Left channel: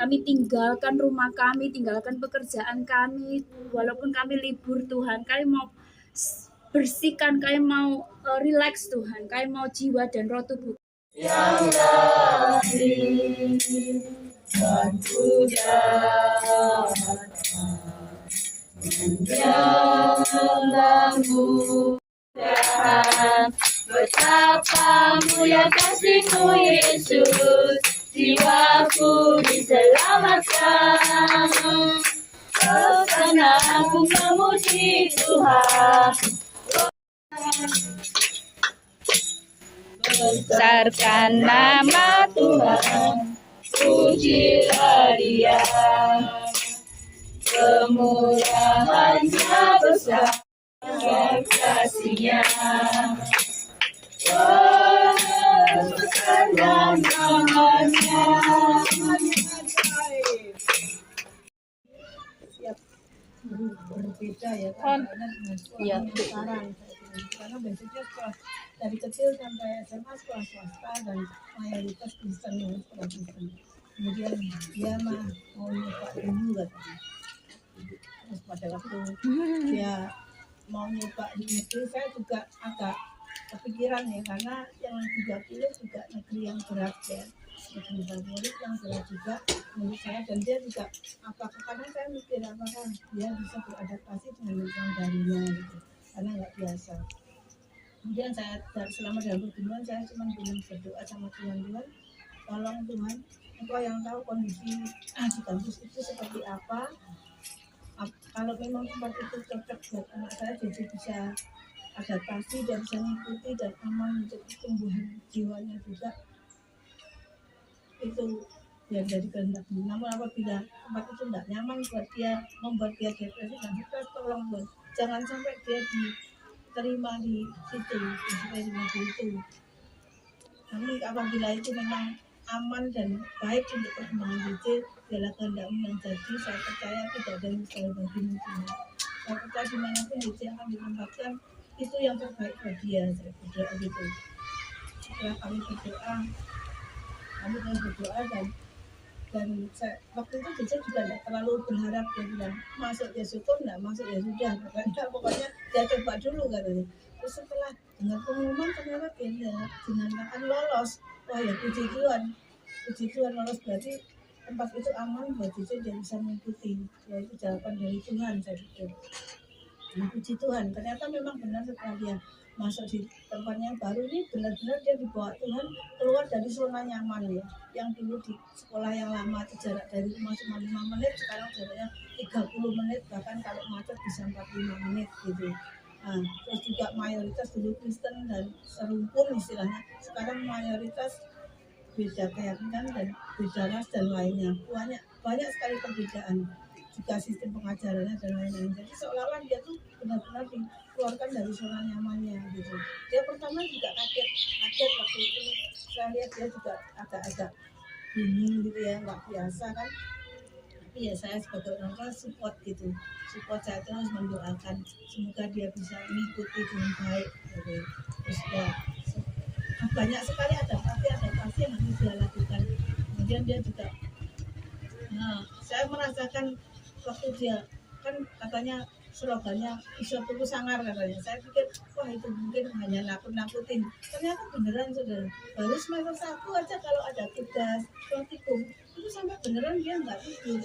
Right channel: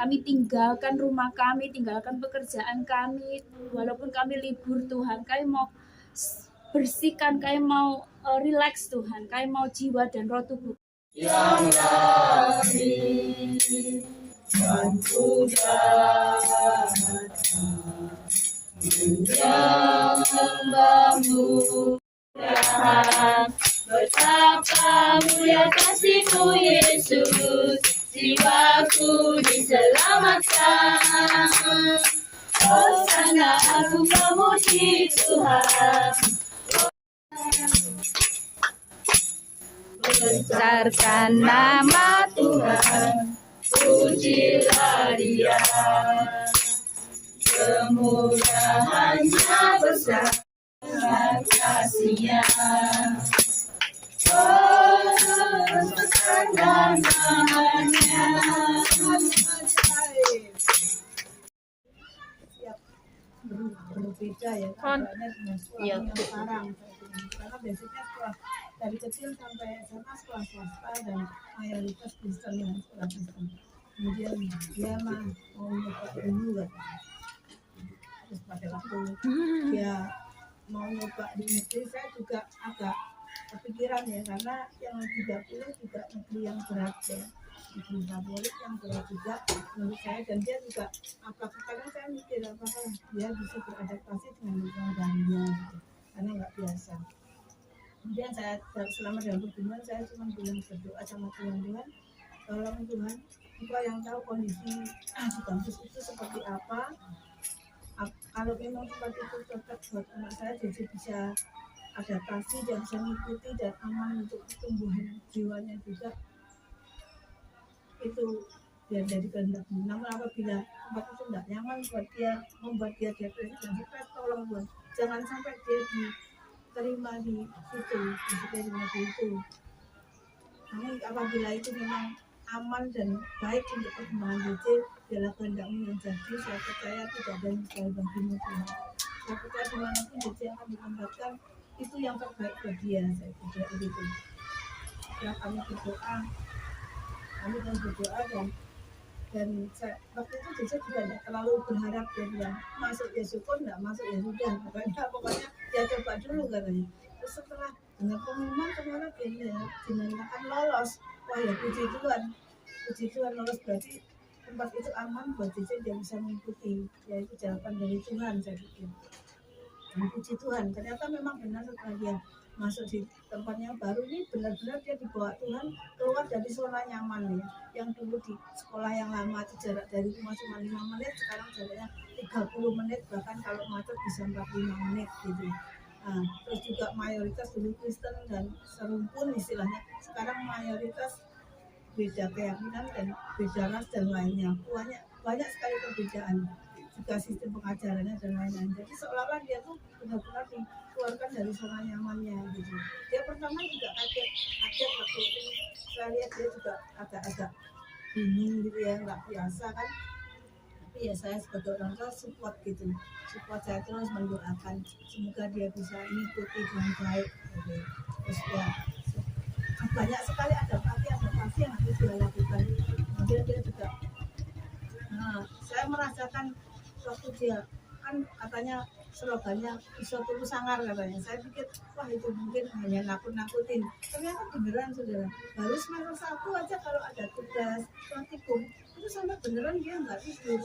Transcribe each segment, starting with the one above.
Kami tinggalkan rumah kami, tinggalkan pekerjaan kami, walaupun kami libur Tuhan, kami mau bersihkan, kami mau relax Tuhan, kami mau jiwa dan roh tubuh yang lahir dan menyembahmu Tuhan. Betapa mulia kasih-Mu Yesus, jiwaku diselamatkan. Hosana aku memuji Tuhan. Besarkan nama Tuhan, pujilah Dia. Kemurahannya besar, kasih-Nya. Oh, besarkan namanya. Berbeda ya keadaannya dengan sekolah yang sekarang, karena basicnya sekolah dari kecil sampai SMA sekolah swasta dan mayoritas Kristen yang sekolah Kristen. Kemudian dia mau nyoba dulu katanya. Terus pada waktu dia mau nyoba di negeri, saya juga agak kepikiran ya, karena yang 30 juga negeri yang berat ya, negeri favorit yang berat juga menurut saya. Dan dia juga kadang saya mikir apakah dia bisa beradaptasi dengan lingkungan barunya gitu, karena nggak biasa. Kemudian saya selama dalam pergumulan saya cuma bilang berdoa sama Tuhan, tolong Tuhan, Engkau yang tahu kondisi di kampus itu seperti apa. Kalau memang tempat itu cocok buat anak saya, jadi bisa adaptasi dan bisa mengikuti dan aman untuk pertumbuhan jiwanya juga, itu ya dari kehendak-Mu. Namun apabila tempat itu tidak nyaman buat dia, membuat dia depresi dan stres, tolong Tuhan, jangan sampai dia diterima di situ, diterima di itu. Namun apabila itu memang aman dan baik untuk perkembangan JJ, biarlah kehendak-Mu yang jadi. Saya percaya tidak ada yang mustahil bagi-Mu Tuhan. Saya percaya dimanapun JJ akan ditempatkan, itu yang terbaik buat dia. Saya berdoa gitu. Setelah kami berdoa dan saya, waktu itu JJ juga tidak terlalu berharap, dia bilang masuk ya syukur, tidak masuk ya sudah, pokoknya dia coba dulu katanya. Terus setelah dengar pengumuman ternyata dia dinyatakan lolos. Wah ya puji Tuhan lolos, berarti tempat itu aman buat JJ, dia bisa mengikuti. Ya itu jawaban dari Tuhan, saya pikir. Dan puji Tuhan, ternyata memang benar setelah dia masuk di tempat yang baru ini, benar-benar dia dibawa Tuhan keluar dari zona nyaman ya. Yang dulu di sekolah yang lama jarak dari rumah cuma 5 menit, sekarang jaraknya 30 menit, bahkan kalau macet bisa 45 menit gitu. Nah, terus juga mayoritas dulu Kristen dan serumpun istilahnya, sekarang mayoritas beda keyakinan dan beda ras dan lainnya, banyak sekali perbedaan, juga sistem pengajarannya dan lain-lain. Jadi seolah-olah dia tuh benar-benar dikeluarkan dari zona nyamannya gitu. Dia pertama juga kaget waktu itu saya lihat dia juga agak bingung gitu ya, nggak biasa kan. Tapi ya saya sebagai orang tua support saya terus mendoakan semoga dia bisa mengikuti dengan baik gitu. Terus ya banyak sekali adaptasi yang harus dia lakukan. Kemudian dia juga saya merasakan waktu dia kan katanya slogannya bisa tunggu sangar katanya. Saya pikir wah itu mungkin hanya nakut-nakutin, ternyata beneran saudara. Baru semester 1 aja kalau ada tugas praktikum itu sampai beneran dia nggak tidur.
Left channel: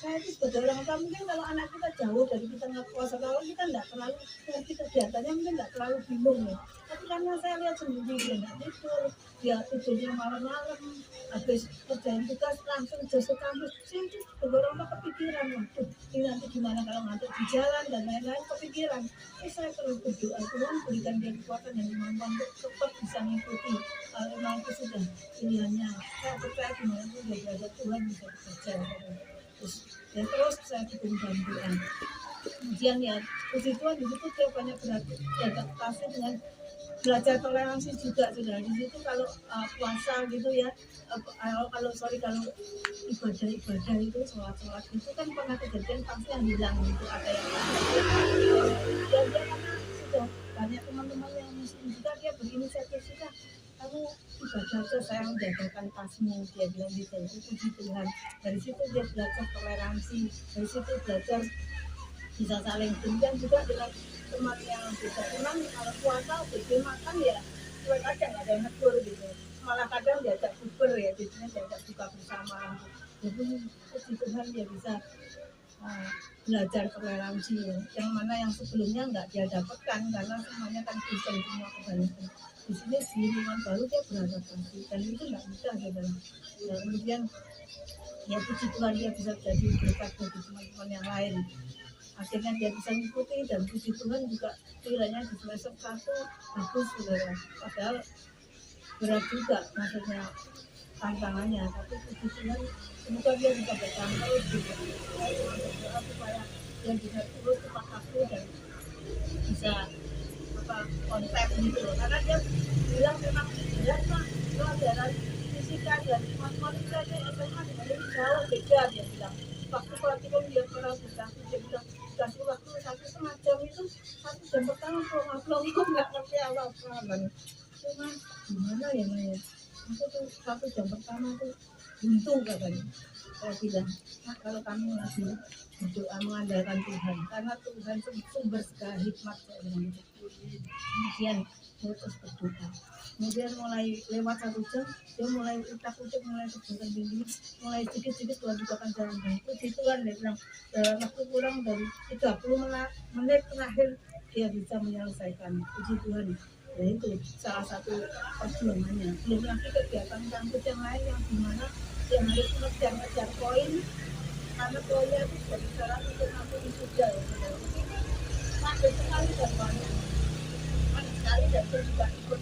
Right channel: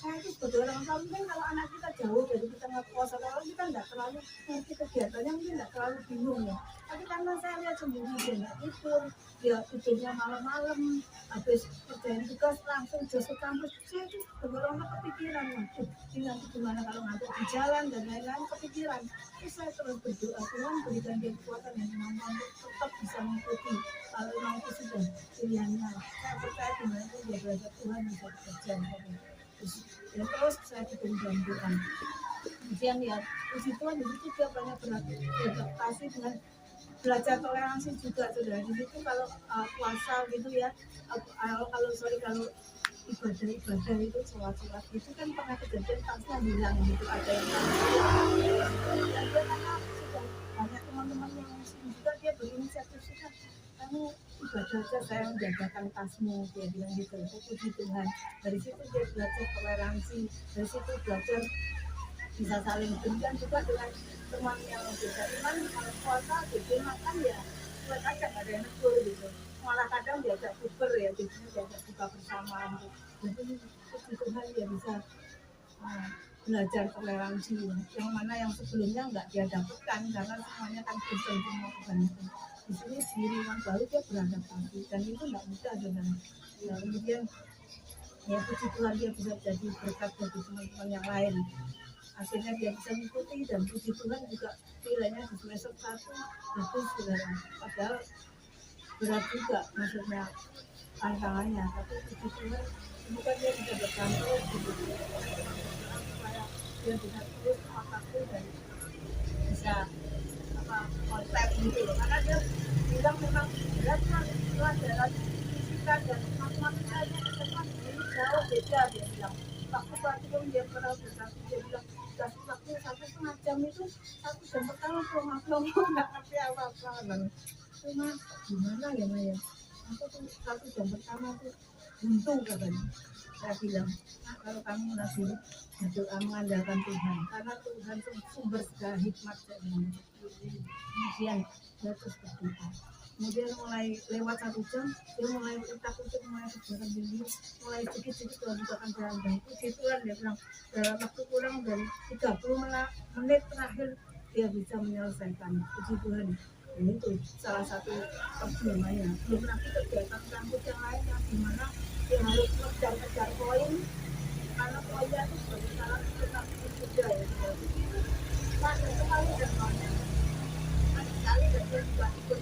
Saya itu sebagai orang tua, mungkin kalau anak kita jauh dari kita ngekos atau kita nggak terlalu ngerti kegiatannya, mungkin nggak terlalu bingung ya. Tapi karena saya lihat sendiri dia nggak tidur, dia tidurnya malam-malam, habis kerjain tugas langsung jos ke kampus. Saya itu sebagai orang tua kepikiran, waduh ini nanti gimana kalau ngantuk di jalan dan lain-lain, kepikiran. Terus saya terus berdoa, Tuhan berikan dia kekuatan dan kemampuan untuk tetap bisa mengikuti. Kalau memang itu sudah pilihannya, saya percaya dimanapun dia berada, Tuhan bisa bekerja. Terus saya dukung dan doa. Kemudian ya puji Tuhan di situ dia banyak beradaptasi dengan belajar toleransi juga sudah di situ. Kalau puasa gitu ya, kalau ibadah itu sholat itu kan pernah kejadian pasti yang hilang gitu, ada yang dia karena sudah banyak teman-teman yang muslim juga, dia berinisiatif sudah kamu baca aja saya menjajakan tasmu, dia bilang gitu. Puji Tuhan. Dari situ dia belajar toleransi, dari situ belajar bisa saling demikian juga dengan teman yang beda iman. Kalau puasa jadi makan ya cuek aja, nggak ada yang negur gitu, malah kadang diajak bubur ya, jadinya diajak buka bersama gitu. Jadi puji Tuhan dia bisa belajar toleransi yang mana yang sebelumnya nggak dia dapatkan karena semuanya kan Kristen semua kebanyakan. Di sini di lingkungan baru dia beradaptasi dan itu nggak mudah saudara. Dan kemudian ya puji Tuhan dia bisa jadi berkat bagi teman-teman yang lain. Akhirnya dia bisa mengikuti dan puji Tuhan juga nilainya di semester 1 bagus saudara. Padahal berat juga maksudnya tantangannya, tapi puji Tuhan semoga dia bisa bertahan terus gitu. Supaya dia bisa terus tepat waktu dan bisa konten gitu loh. Karena dia bilang memang berat kan pelajaran fisika dan matematikanya SMA dengan ini jauh beda, dia bilang. Waktu praktikum dia pernah berkasih, dia bilang dikasih waktu 1,5 jam itu 1 jam pertama belum nggak ngerti apa-apa dan cuma gimana ya Maya, aku tuh 1 jam pertama tuh untung katanya. Saya bilang, nah kalau kamu lagi berdoa mengandalkan Tuhan, karena Tuhan sumber segala hikmat, saya bilang gitu. Kemudian dia terus berdoa. Kemudian mulai lewat 1 jam, dia mulai utak-utik, mulai berjalan sendiri, mulai sedikit-sedikit Tuhan bukakan jalan. Dan puji Tuhan, dia bilang dalam waktu kurang dari 30 menit terakhir dia bisa menyelesaikan. Puji Tuhan. Ya itu salah satu perjuangannya. Belum lagi kegiatan kampus yang lain yang dimana yang harus ngejar poin, karena poinnya itu sebagai syarat untuk nanti wisuda ya. Jadi padat sekali dan banyak sekali, dan dia juga ikut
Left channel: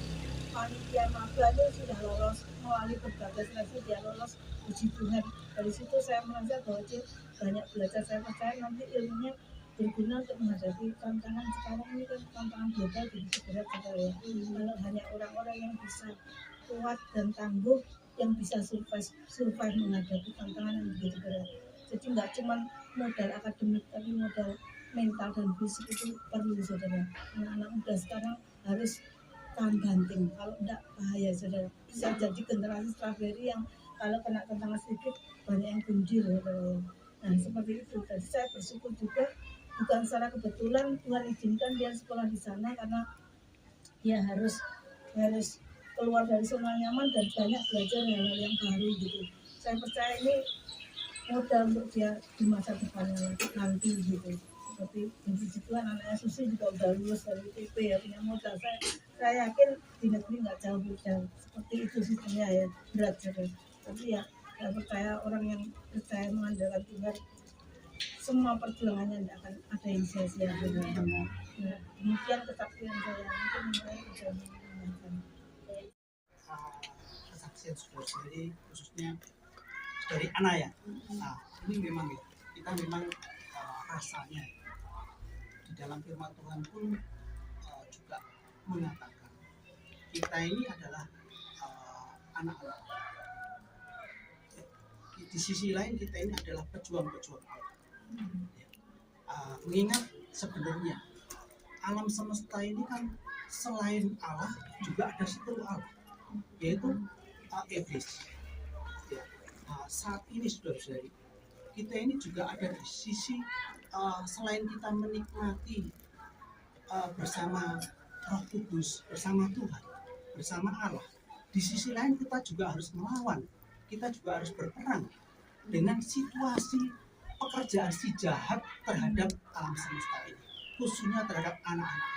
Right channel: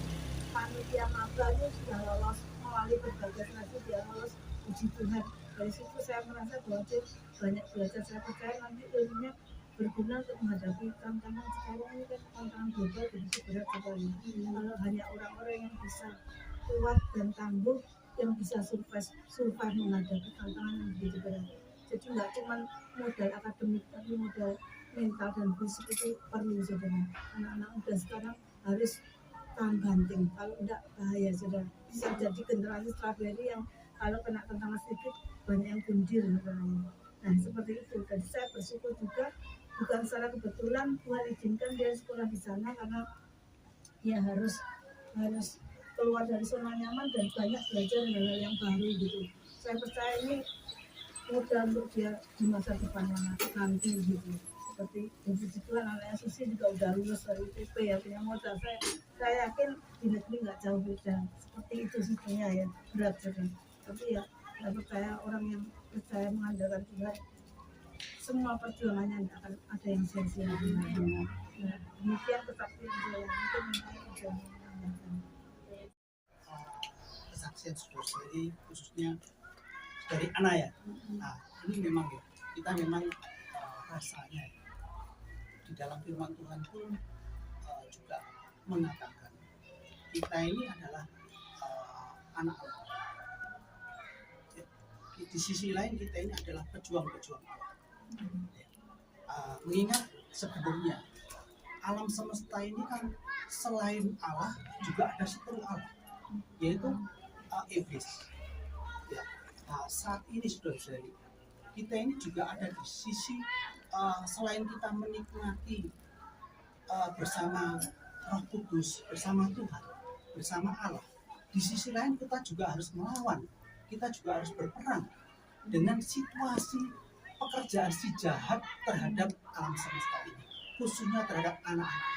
panitia maba ini sudah lolos melalui berbagai seleksi, dia lolos. Puji Tuhan. Dari situ saya merasa bahwa dia banyak belajar. Saya percaya nanti ilmunya berguna untuk menghadapi tantangan sekarang ini kan, tantangan global begitu berat sekali ya. Kalau hanya orang-orang yang bisa kuat dan tangguh, yang bisa survive menghadapi tantangan yang begitu berat. Jadi nggak cuma modal akademik, tapi modal mental dan fisik itu perlu saudara. Anak-anak muda sekarang harus tahan banting, kalau enggak bahaya saudara. Bisa jadi generasi strawberry yang kalau kena tantangan sedikit banyak yang gundil saudara. Nah seperti itu. Jadi saya bersyukur juga, bukan secara kebetulan Tuhan izinkan dia sekolah di sana, karena dia harus keluar dari zona nyaman dan banyak belajar hal-hal yang baru gitu. Saya percaya ini modal untuk dia di masa depannya nanti gitu. Seperti puji Tuhan anaknya Susi juga udah lulus dari TP ya, punya modal. Saya yakin di negeri nggak jauh beda. Seperti itu sistemnya ya, berat sekali. Tapi ya saya percaya orang yang percaya mengandalkan Tuhan, semua perjuangannya tidak akan ada yang sia-sia. Nah, demikian kesaksian saya. Mungkin mulai ada yang menanyakan. Kesaksian saudara-saudari khususnya dari anak ya. Nah, ini memang ya, kita memang rasanya di dalam firman Tuhan pun juga mengatakan kita ini adalah anak-anak. Di sisi lain kita ini adalah pejuang-pejuang Allah. Mengingat sebenarnya alam semesta ini kan selain Allah juga ada satu Allah, yaitu iblis. Ya. Nah, saat ini saudara-saudari, kita ini juga ada di sisi selain kita menikmati bersama Roh Kudus, bersama Tuhan, bersama Allah, di sisi lain kita juga harus melawan, kita juga harus berperang dengan situasi pekerjaan si jahat terhadap alam semesta ini, khususnya terhadap anak-anak.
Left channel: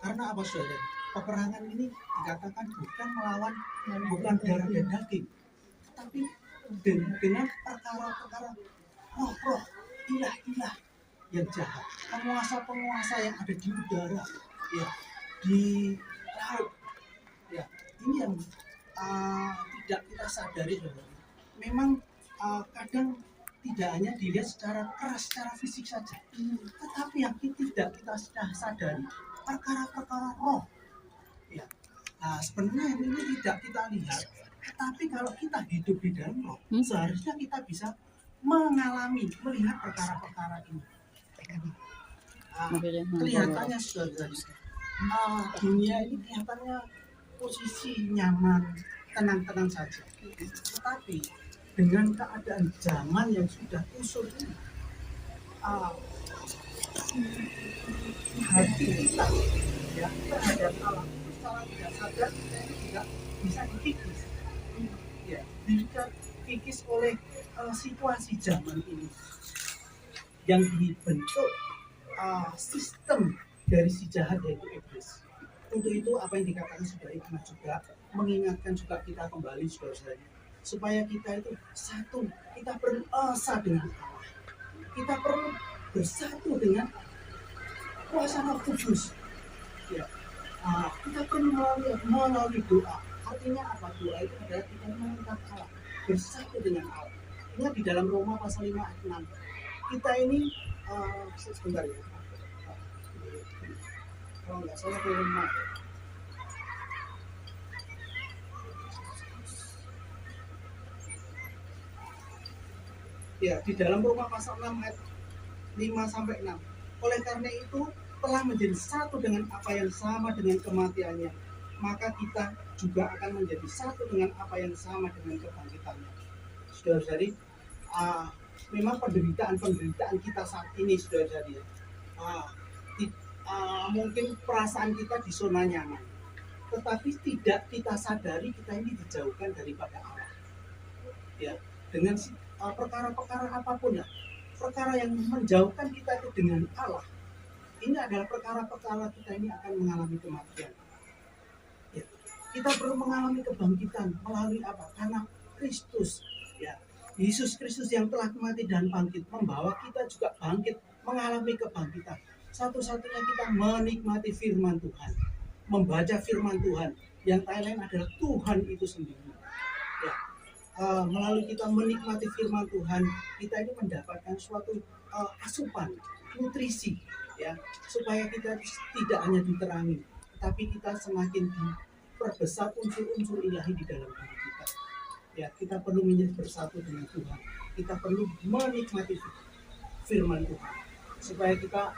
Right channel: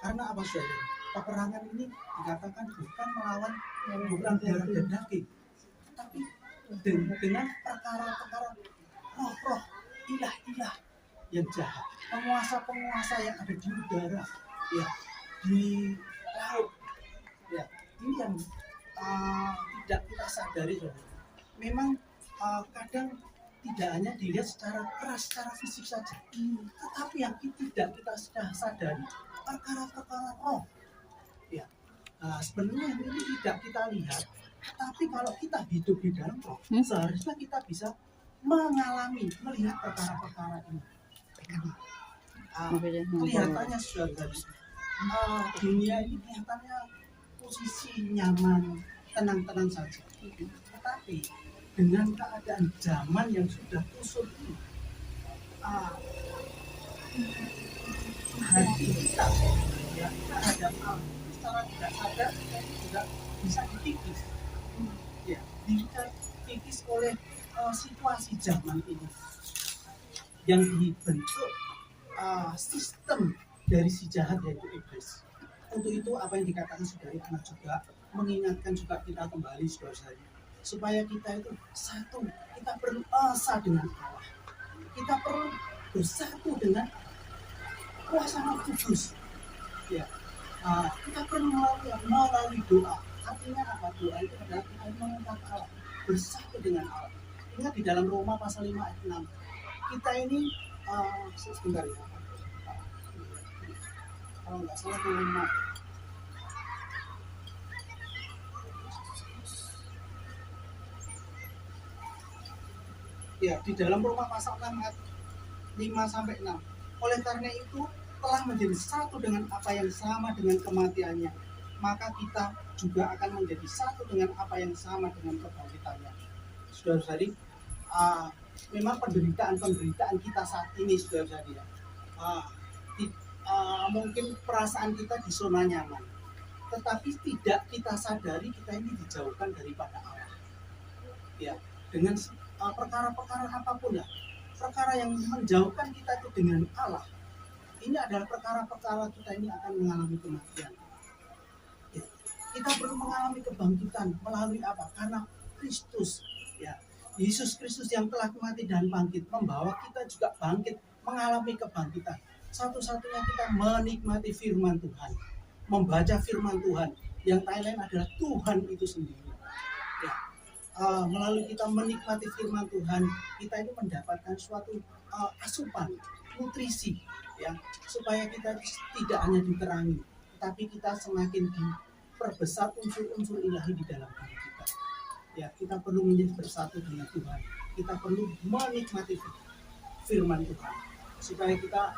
Karena apa saudara? Peperangan ini dikatakan bukan melawan, bukan darah dan daging, tetapi dengan perkara-perkara roh-roh, ilah-ilah yang jahat, penguasa-penguasa yang ada di udara, ya, di laut, ya. Ini yang tidak kita sadari, saudara. Memang kadang tidak hanya dilihat secara keras, secara fisik saja, tetapi yang tidak kita sadari perkara-perkara roh, ya. Nah, sebenarnya ini tidak kita lihat, tapi kalau kita hidup di dalam roh, seharusnya kita bisa melihat perkara-perkara ini. Kelihatannya sudah dunia ini kelihatannya posisi nyaman, tenang-tenang saja. Tetapi dengan keadaan zaman yang sudah kusur ini, ah, hati kita ya terhadap Allah itu secara tidak sadar kita ini juga bisa dikikis, ya, dikikis oleh situasi zaman ini yang dibentuk sistem dari si jahat yaitu iblis. Untuk itu apa yang dikatakan saudari anak juga mengingatkan juga kita kembali saudara-saudari supaya kita itu satu, kita perlu asa dengan Allah, kita perlu bersatu dengan kuasa Roh Kudus. Ya, kita perlu melalui doa. Artinya apa? Doa itu adalah kita mengangkat Allah, bersatu dengan Allah. Ingat di dalam Roma pasal 5 ayat 6. Kita ini sebentar ya. Kalau nggak salah Roma. Ya, di dalam Roma pasal 6 ayat 5 sampai 6. Oleh karena itu telah menjadi satu dengan apa yang sama dengan kematiannya, maka kita juga akan menjadi satu dengan apa yang sama dengan kebangkitannya. Saudara-saudari, memang penderitaan kita saat ini, saudara-saudari, mungkin perasaan kita di zona nyaman, tetapi tidak kita sadari kita ini dijauhkan daripada Allah. Ya, dengan perkara-perkara apapun lah, perkara yang menjauhkan kita itu dengan Allah, ini adalah perkara-perkara kita ini akan mengalami kematian. Ya, kita perlu mengalami kebangkitan melalui apa? Karena Kristus, ya, Yesus Kristus yang telah mati dan bangkit membawa kita juga bangkit, mengalami kebangkitan. Satu-satunya kita menikmati firman Tuhan, membaca firman Tuhan, yang lain adalah Tuhan itu sendiri. Ya, melalui kita menikmati firman Tuhan, kita ini mendapatkan suatu asupan, nutrisi, ya, supaya kita tidak hanya diterangi, tapi kita semakin diperbesar unsur-unsur ilahi di dalam diri kita. Ya, kita perlu menjadi bersatu dengan Tuhan. Kita perlu menikmati firman Tuhan, supaya kita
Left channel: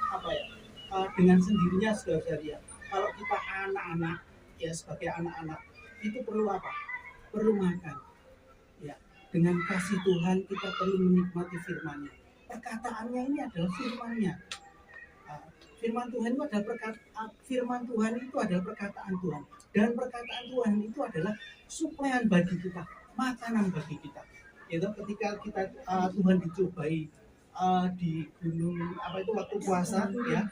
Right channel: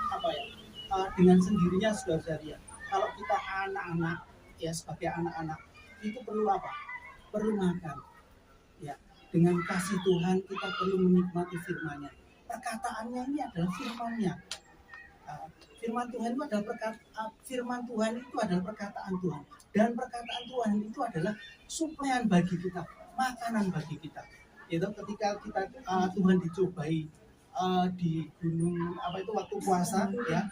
dengan sendirinya saudara-saudari, kalau kita anak-anak, ya, sebagai anak-anak itu perlu apa? Perlu makan. Ya, dengan kasih Tuhan kita perlu menikmati firman-Nya. Perkataannya ini adalah firman-Nya. Firman Tuhan itu adalah perkataan Tuhan, dan perkataan Tuhan itu adalah suplaian bagi kita, makanan bagi kita. Itu ketika kita Tuhan dicobai di gunung waktu puasa, ya,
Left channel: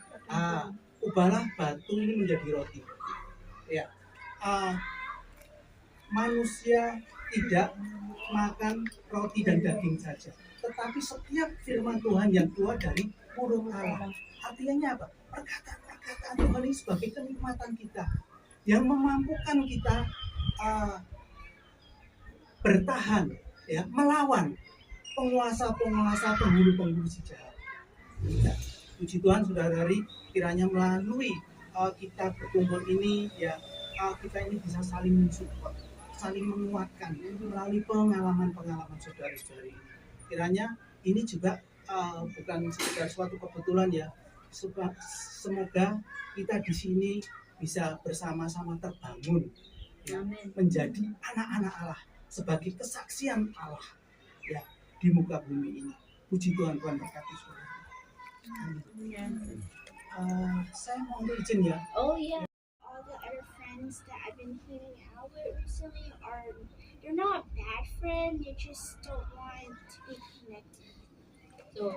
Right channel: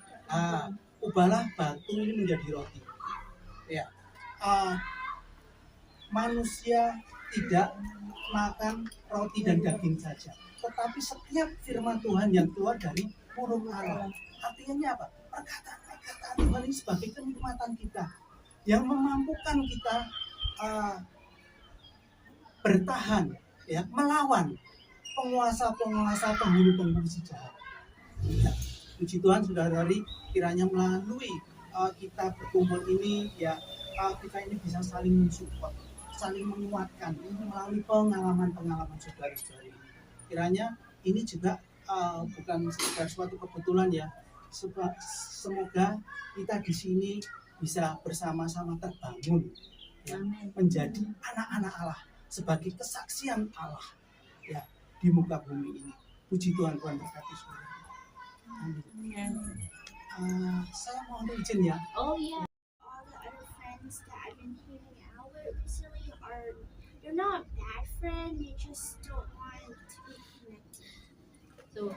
ubahlah batu ini menjadi roti. Ya, manusia tidak makan roti dan daging saja, tetapi setiap firman Tuhan yang keluar dari mulut Allah. Artinya apa? Perkataan Tuhan ini sebagai kenikmatan kita, yang memampukan kita bertahan, ya, melawan penguasa-penguasa, penghulu-penghulu si jahat. Ya, puji Tuhan, saudara-saudari, kiranya melalui kita berkumpul ini, ya, kita ini bisa saling mensupport, saling menguatkan melalui pengalaman-pengalaman saudara-saudari. Kiranya ini juga bukan sekedar suatu kebetulan, ya. Semoga kita di sini bisa bersama-sama terbangun, ya, menjadi anak-anak Allah, sebagai kesaksian Allah, ya, di muka bumi ini. Puji Tuhan, Tuhan berkati saudara. Saya mohon izin, ya. Oh yeah. All the other friends that I've been hanging out with recently they're not bad friends, they just don't want to be connected. So,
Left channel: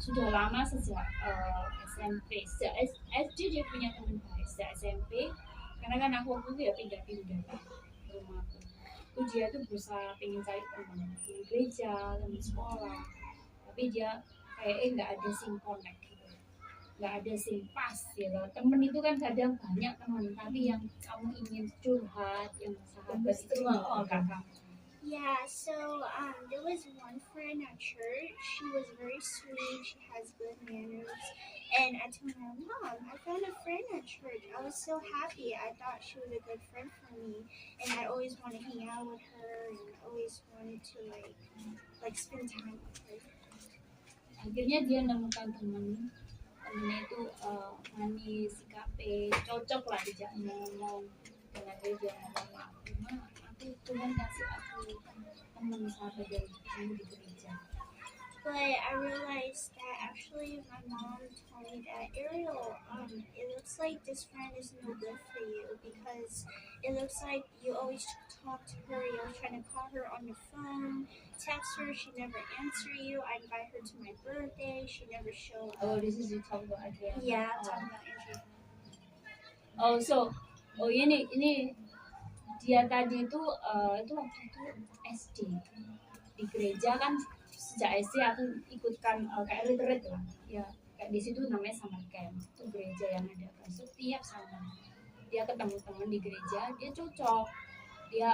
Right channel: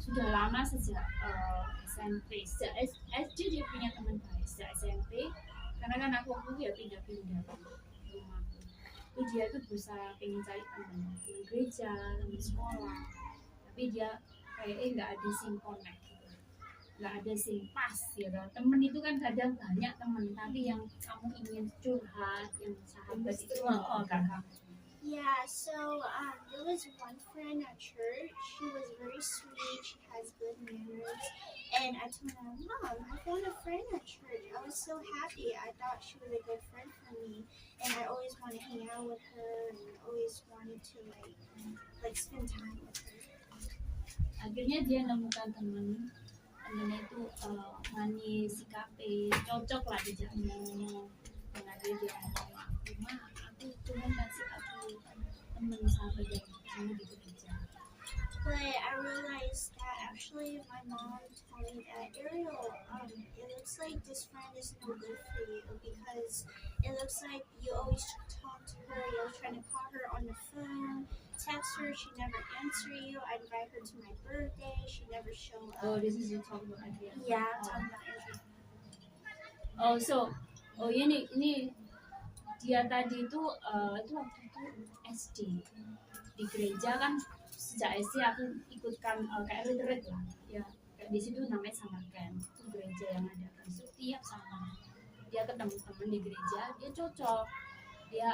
sudah lama sejak SMP, sejak SD dia punya teman baik, sejak SMP, karena kan aku waktu itu ya pindah-pindah ke rumahku. Itu dia tuh berusaha pengen cari teman gereja, teman sekolah, tapi dia kayaknya nggak ada sing connect gitu, nggak ada sing pas gitu. Temen itu kan kadang banyak temen, tapi yang kamu ingin curhat, yang sahabat itu gak kamu. Yeah, so there was one friend at church. She was very sweet. She has good manners. And I told my mom, I found a friend at church. I was so happy. I thought she was a good friend for me. And I always wanted to hang out with her and always wanted to like spend time with her. Akhirnya dia menemukan temennya itu manis, si KP, cocok lah dijak ngomong dengan dia ngomong aku mah aku Tuhan kasih aku teman sahabat yang kamu di gereja. But I realized that actually my mom told me that Ariel, it looks like this friend is no good for you because it looks like you always talk to her, you're trying to call her on the phone, text her, she never answer you. I invite her to my birthday, she never show up. This is you talk about Adriana. Yeah, I'm talking about Adriana. Ini dia tadi itu waktu itu SD di gereja kan. Sejak SD aku ikutkan kayak retreat lah ya, kayak di situ namanya summer camp, itu gereja yang ada kan setiap summer dia ketemu teman di gereja, dia cocok, dia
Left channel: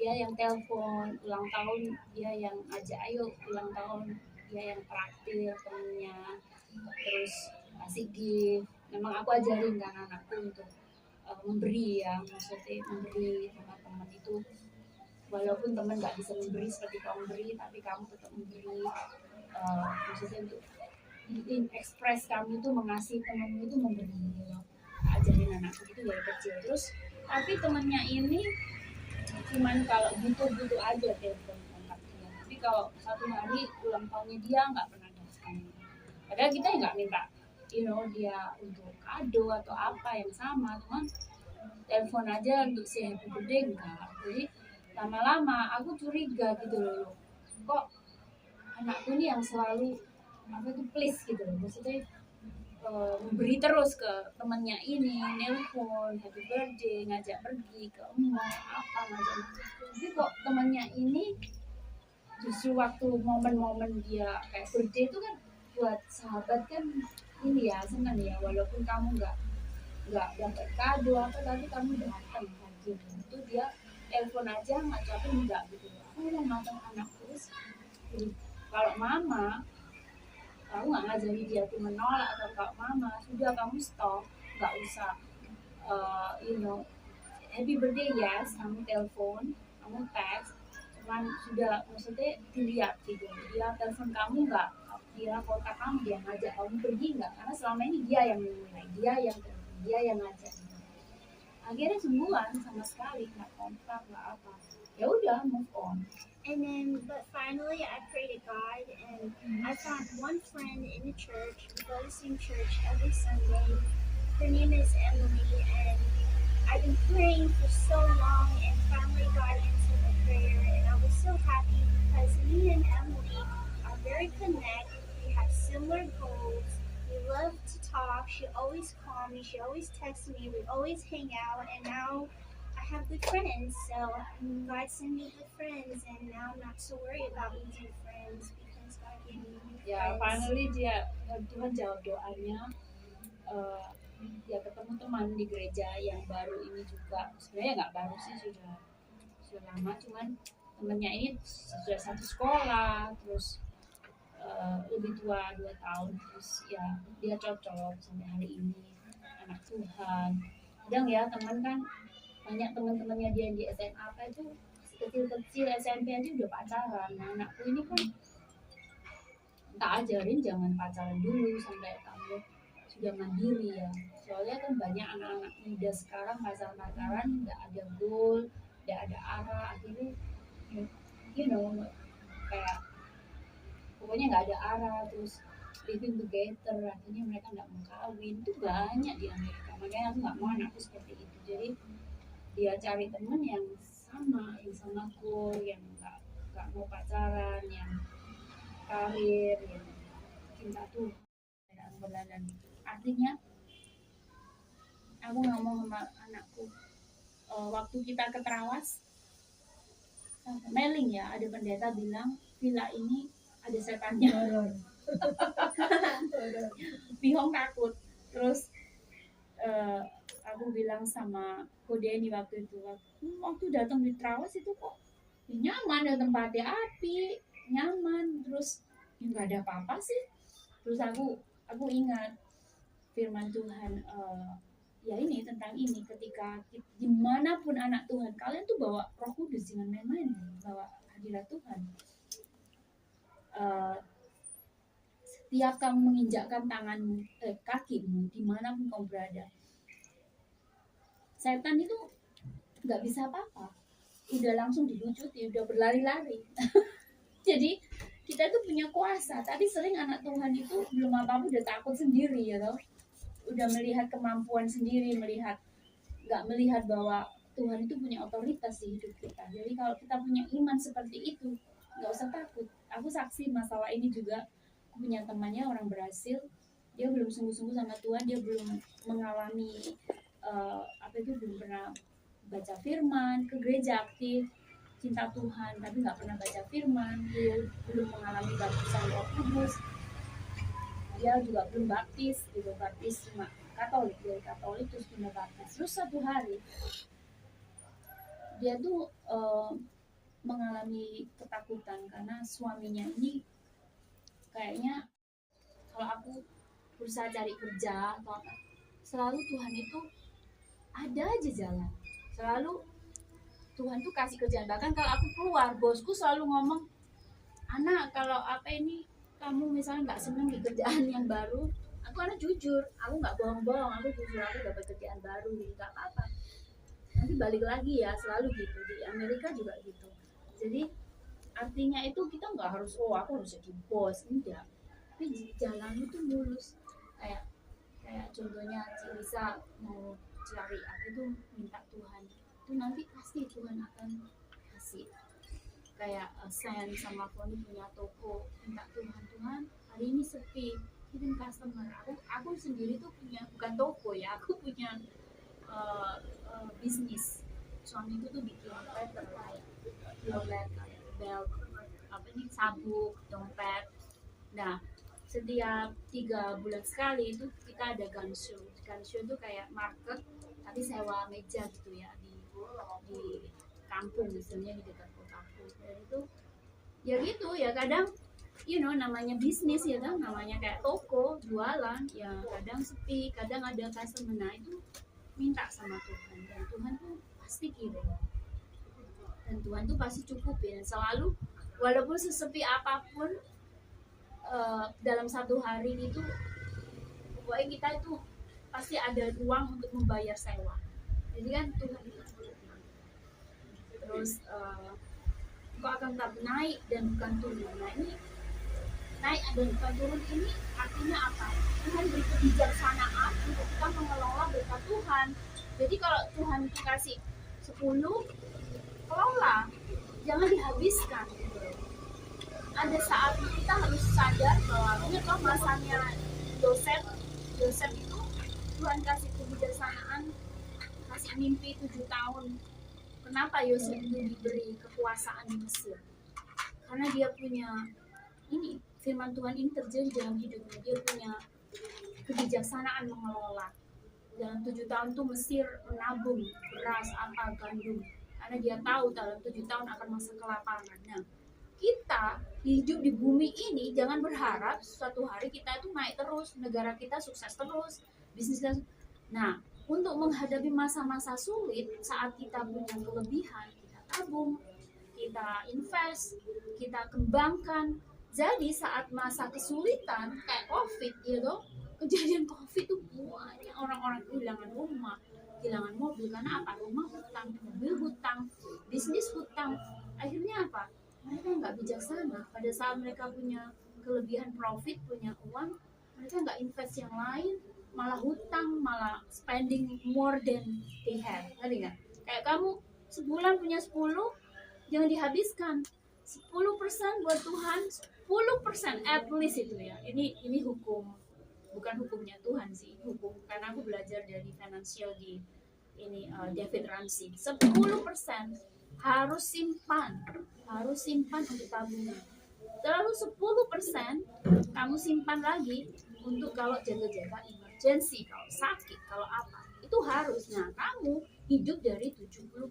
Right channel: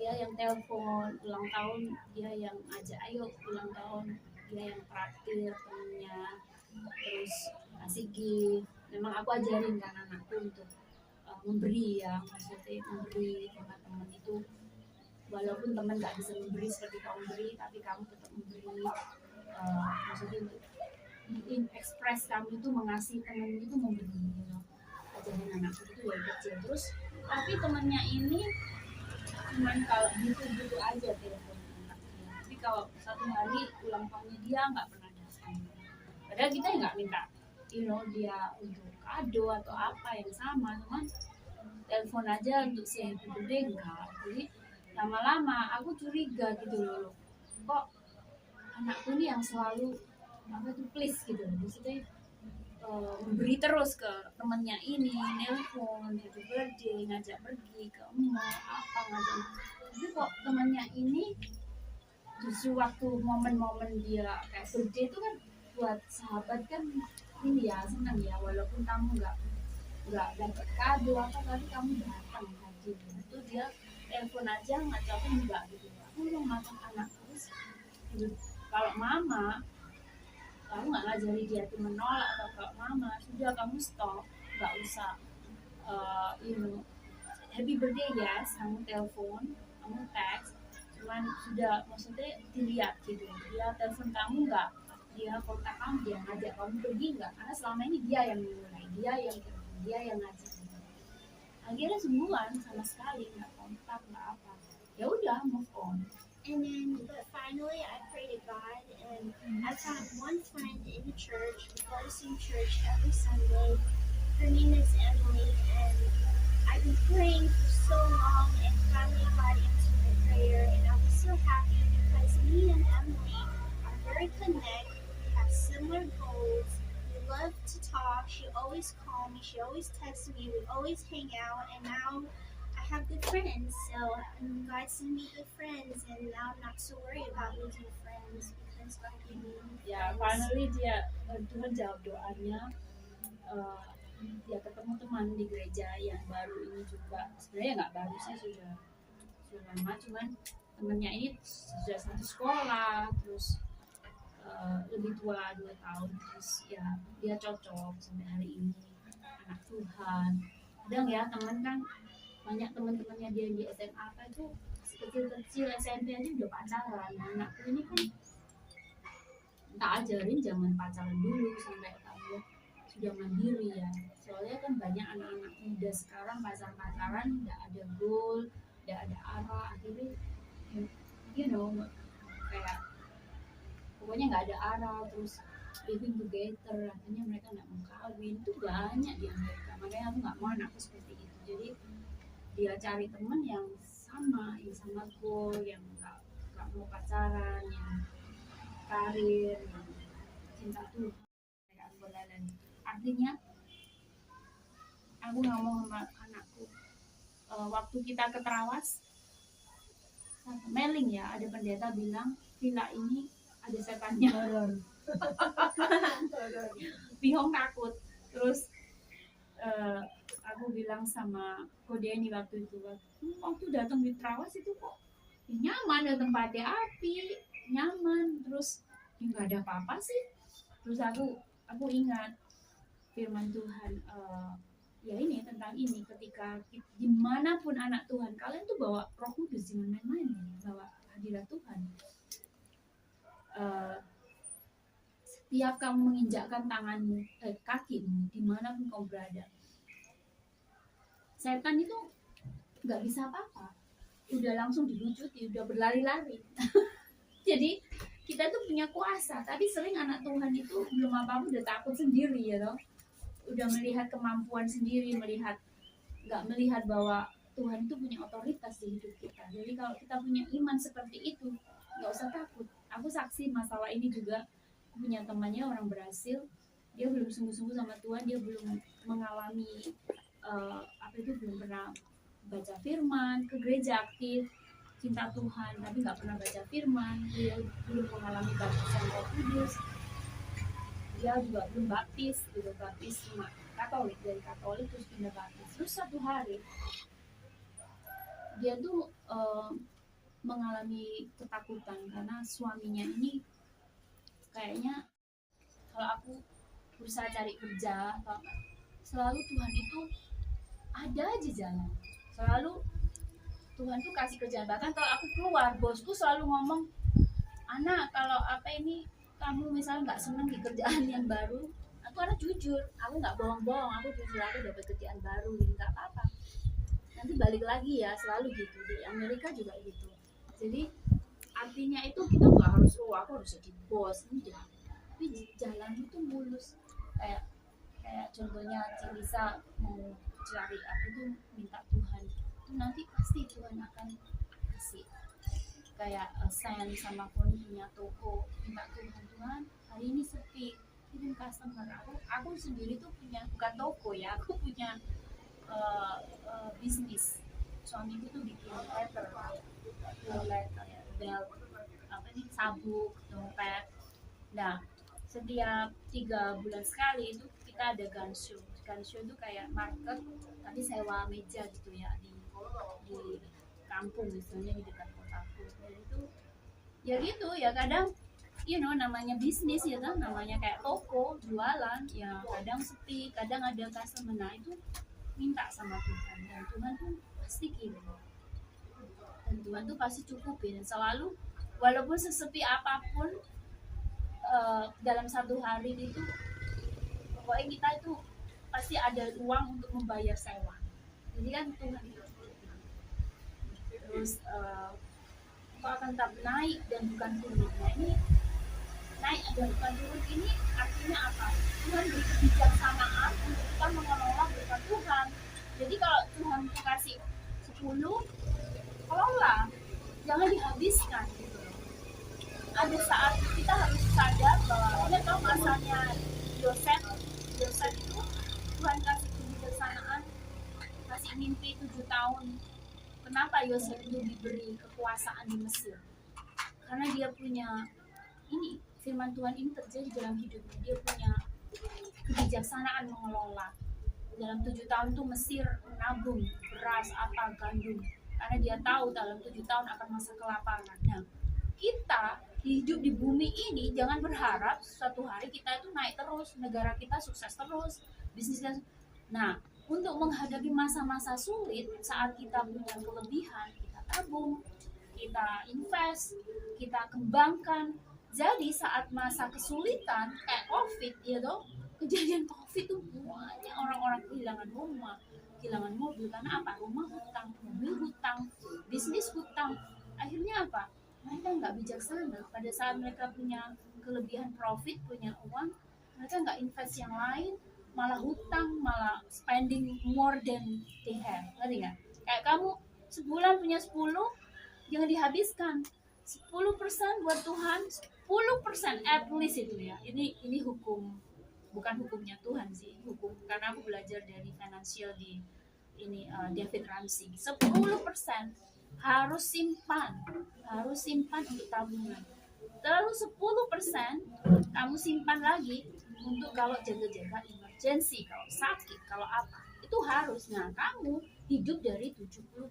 yang telepon ulang tahun, dia yang ajak ayo ulang tahun, dia yang traktir temennya, terus kasih gift. Memang aku ajarin kan anakku untuk memberi ya, maksudnya memberi teman-teman itu. Walaupun teman nggak bisa memberi seperti kamu beri, tapi kamu tetap memberi. Maksudnya untuk ekspres kamu itu mengasihi temanmu itu memberi. Gitu. Ajarin anakku itu dari kecil. Terus tapi temannya ini cuman kalau gitu aja telepon kontak dia. Tapi kalau satu hari ulang tahunnya dia nggak pernah datang. Padahal kita nggak minta, dia untuk kado atau apa yang sama, teman telepon aja untuk say happy birthday enggak. Jadi lama-lama aku curiga gitu loh, kok anakku ini yang selalu please gitu loh, maksudnya memberi terus ke temannya ini, nelpon happy birthday, ngajak pergi ke mall apa ngajak, tapi kok temannya ini justru waktu momen-momen dia kayak birthday itu kan buat sahabat kan ini ya senang ya, walaupun kamu nggak dapat kado apa tapi kamu datang gitu, itu dia telepon aja ngajakin enggak gitu. Aku mau matang anakku kalau mama kamu nggak ngajari dia tuh menolak, atau kalau mama sudah kamu stop, nggak usah happy birthday yes, kamu telepon, kamu teks, cuman sudah maksudnya dilihat gitu, dia telepon kamu nggak, dia kontak kamu, dia ngajak kamu pergi nggak, karena selama ini dia yang memulai, dia yang telepon, dia yang ngajak gitu. Akhirnya sebulan sama sekali nggak kontak nggak apa, ya udah move on. And then, but finally, I prayed to God, and I found one friend in the church. We go to the same church every Sunday. Her name is Emily, and I've been praying for so long, and finally God answered my prayer, and I was so happy because me and Emily are very connected. We have similar goals. We love to talk. She always calls me. She always texts me. We always hang out, and now I have good friends. So God sent me good friends, and now I'm not so worried about losing friends because God gave me new Ya, friends. finally dia Tuhan jawab doanya. Dia ketemu teman di gereja yang baru ini juga. Sebenarnya nggak baru sih, sudah lama, cuman temennya ini sudah satu sekolah, terus lebih tua 2 tahun, terus ya dia cocok sampai hari ini, anak Tuhan. Kadang ya teman kan banyak teman-temannya dia di SMA apa itu kecil-kecil SMP aja udah pacaran. Nah, anakku ini kan tak ajarin jangan pacaran dulu sampai kamu sudah mandiri ya, soalnya kan banyak anak-anak muda sekarang pacaran nggak ada goal, nggak ada arah, akhirnya kayak pokoknya nggak ada arah, terus living together, akhirnya mereka nggak mau kawin. Itu banyak di Amerika, makanya aku nggak mau anakku seperti itu. Jadi dia cari teman yang sama goal, yang nggak mau pacaran, yang karir, yang cinta Tuhan dan beladan. Artinya aku nggak mau sama anakku waktu kita ke Trawas mailing ya, ada pendeta bilang villa ini ada setannya. Bihong takut. Terus aku bilang sama Kodeni waktu itu, waktu datang di Trawas itu kok nyaman, ada tempatnya api, nyaman, terus nggak ada apa-apa sih. Terus aku ingat firman Tuhan, ya ini tentang ini, ketika dimanapun anak Tuhan, kalian tuh bawa Roh Kudus, jangan main-main, bawa hadirat Tuhan. Setiap kamu menginjakkan tanganmu, kakimu, dimanapun kamu berada, setan itu nggak bisa apa-apa, udah langsung dilucuti, udah berlari-lari. Jadi kita tuh punya kuasa, tapi sering anak Tuhan itu belum apa-apa udah takut sendiri ya loh, udah melihat kemampuan sendiri, nggak melihat bahwa Tuhan itu punya otoritas di hidup kita. Jadi kalau kita punya iman seperti itu, nggak usah takut. Aku saksi masalah ini juga, aku punya temannya orang berhasil, dia belum sungguh-sungguh sama Tuhan, dia belum mengalami belum pernah baca firman, ke gereja aktif, cinta Tuhan, tapi nggak pernah baca firman, dia belum mengalami baptisan Roh Kudus, dia juga belum baptis cuma Katolik, dari Katolik terus pindah baptis. Terus satu hari dia tuh mengalami ketakutan karena suaminya ini kayaknya, kalau aku berusaha cari kerja atau apa, selalu Tuhan itu ada aja jalan, selalu Tuhan tuh kasih kerjaan. Bahkan kalau aku keluar, bosku selalu ngomong, anak kalau apa ini kamu misalnya nggak seneng di kerjaan yang baru, aku anak jujur, aku nggak bohong-bohong, aku jujur, aku dapat kerjaan baru, nggak apa-apa, nanti balik lagi ya, selalu gitu. Di Amerika juga gitu. Jadi artinya itu kita nggak harus aku harus jadi bos, enggak, tapi jalan itu mulus. Kayak contohnya Lisa mau cari apa itu, minta Tuhan itu, nanti pasti Tuhan akan kasih. Kayak Sen sama Foni punya toko, minta Tuhan hari ini sepi, kirim customer. Aku sendiri tuh punya, bukan toko ya, aku punya bisnis. Suamiku tuh bikin letter, belt, apa nih, sabuk, dompet. Nah, setiap 3 bulan sekali itu kita ada gun show. Gun show itu kayak market tapi sewa meja gitu ya, di kampung misalnya di dekat kotaku. Dan itu ya gitu ya, kadang namanya bisnis ya kan, namanya kayak toko jualan ya, kadang sepi, kadang ada customer. Nah itu minta sama Tuhan, dan Tuhan tuh pasti kirim, dan Tuhan tuh pasti cukupin selalu, walaupun sesepi apapun. Dalam satu hari itu pokoknya kita itu pasti ada uang untuk membayar sewa. Jadi kan Tuhan itu terus kok akan tetap naik dan bukan turun. Nah ini naik dan bukan turun ini artinya apa? Tuhan beri kebijaksanaan untuk kita mengelola berkat Tuhan. Jadi kalau Tuhan kasih 10, kelola, jangan dihabiskan. Ada saat kita harus sadar bahwa ini kalau masanya Yosef itu Tuhan kasih kebijaksanaan, kasih mimpi 7 tahun. Kenapa Yosef itu diberi kekuasaan di Mesir? Karena dia punya ini, firman Tuhan ini terjadi dalam hidupnya. Dia punya kebijaksanaan mengelola. Dalam 7 tahun tuh Mesir menabung beras, apa, gandum, karena dia tahu dalam 7 tahun akan masa kelaparan. Nah, kita hidup di bumi ini jangan berharap suatu hari kita itu naik terus, negara kita sukses terus, bisnis kita. Nah, untuk menghadapi masa-masa sulit, saat kita punya kelebihan, kita tabung, kita invest, kita kembangkan. Jadi saat masa kesulitan kayak COVID ya dong, kejadian COVID itu banyak orang-orang kehilangan rumah, kehilangan mobil. Karena apa? Rumah hutang, mobil hutang, bisnis hutang. Akhirnya apa? Mereka nggak bijaksana. Pada saat mereka punya kelebihan profit, punya uang, mereka nggak invest yang lain, malah hutang, malah spending more than they have. Ngerti nggak? Kayak kamu sebulan punya 10, jangan dihabiskan. 10% buat Tuhan, 10% at least itu ya. Ini hukum, bukan hukumnya Tuhan sih, hukum, karena aku belajar dari financial di ini David Ramsey. 10% harus simpan untuk tabungan. Lalu 10% kamu simpan lagi untuk kalau jaga-jaga emergency, kalau sakit, kalau apa, itu harus. Nah, kamu hidup dari 70%.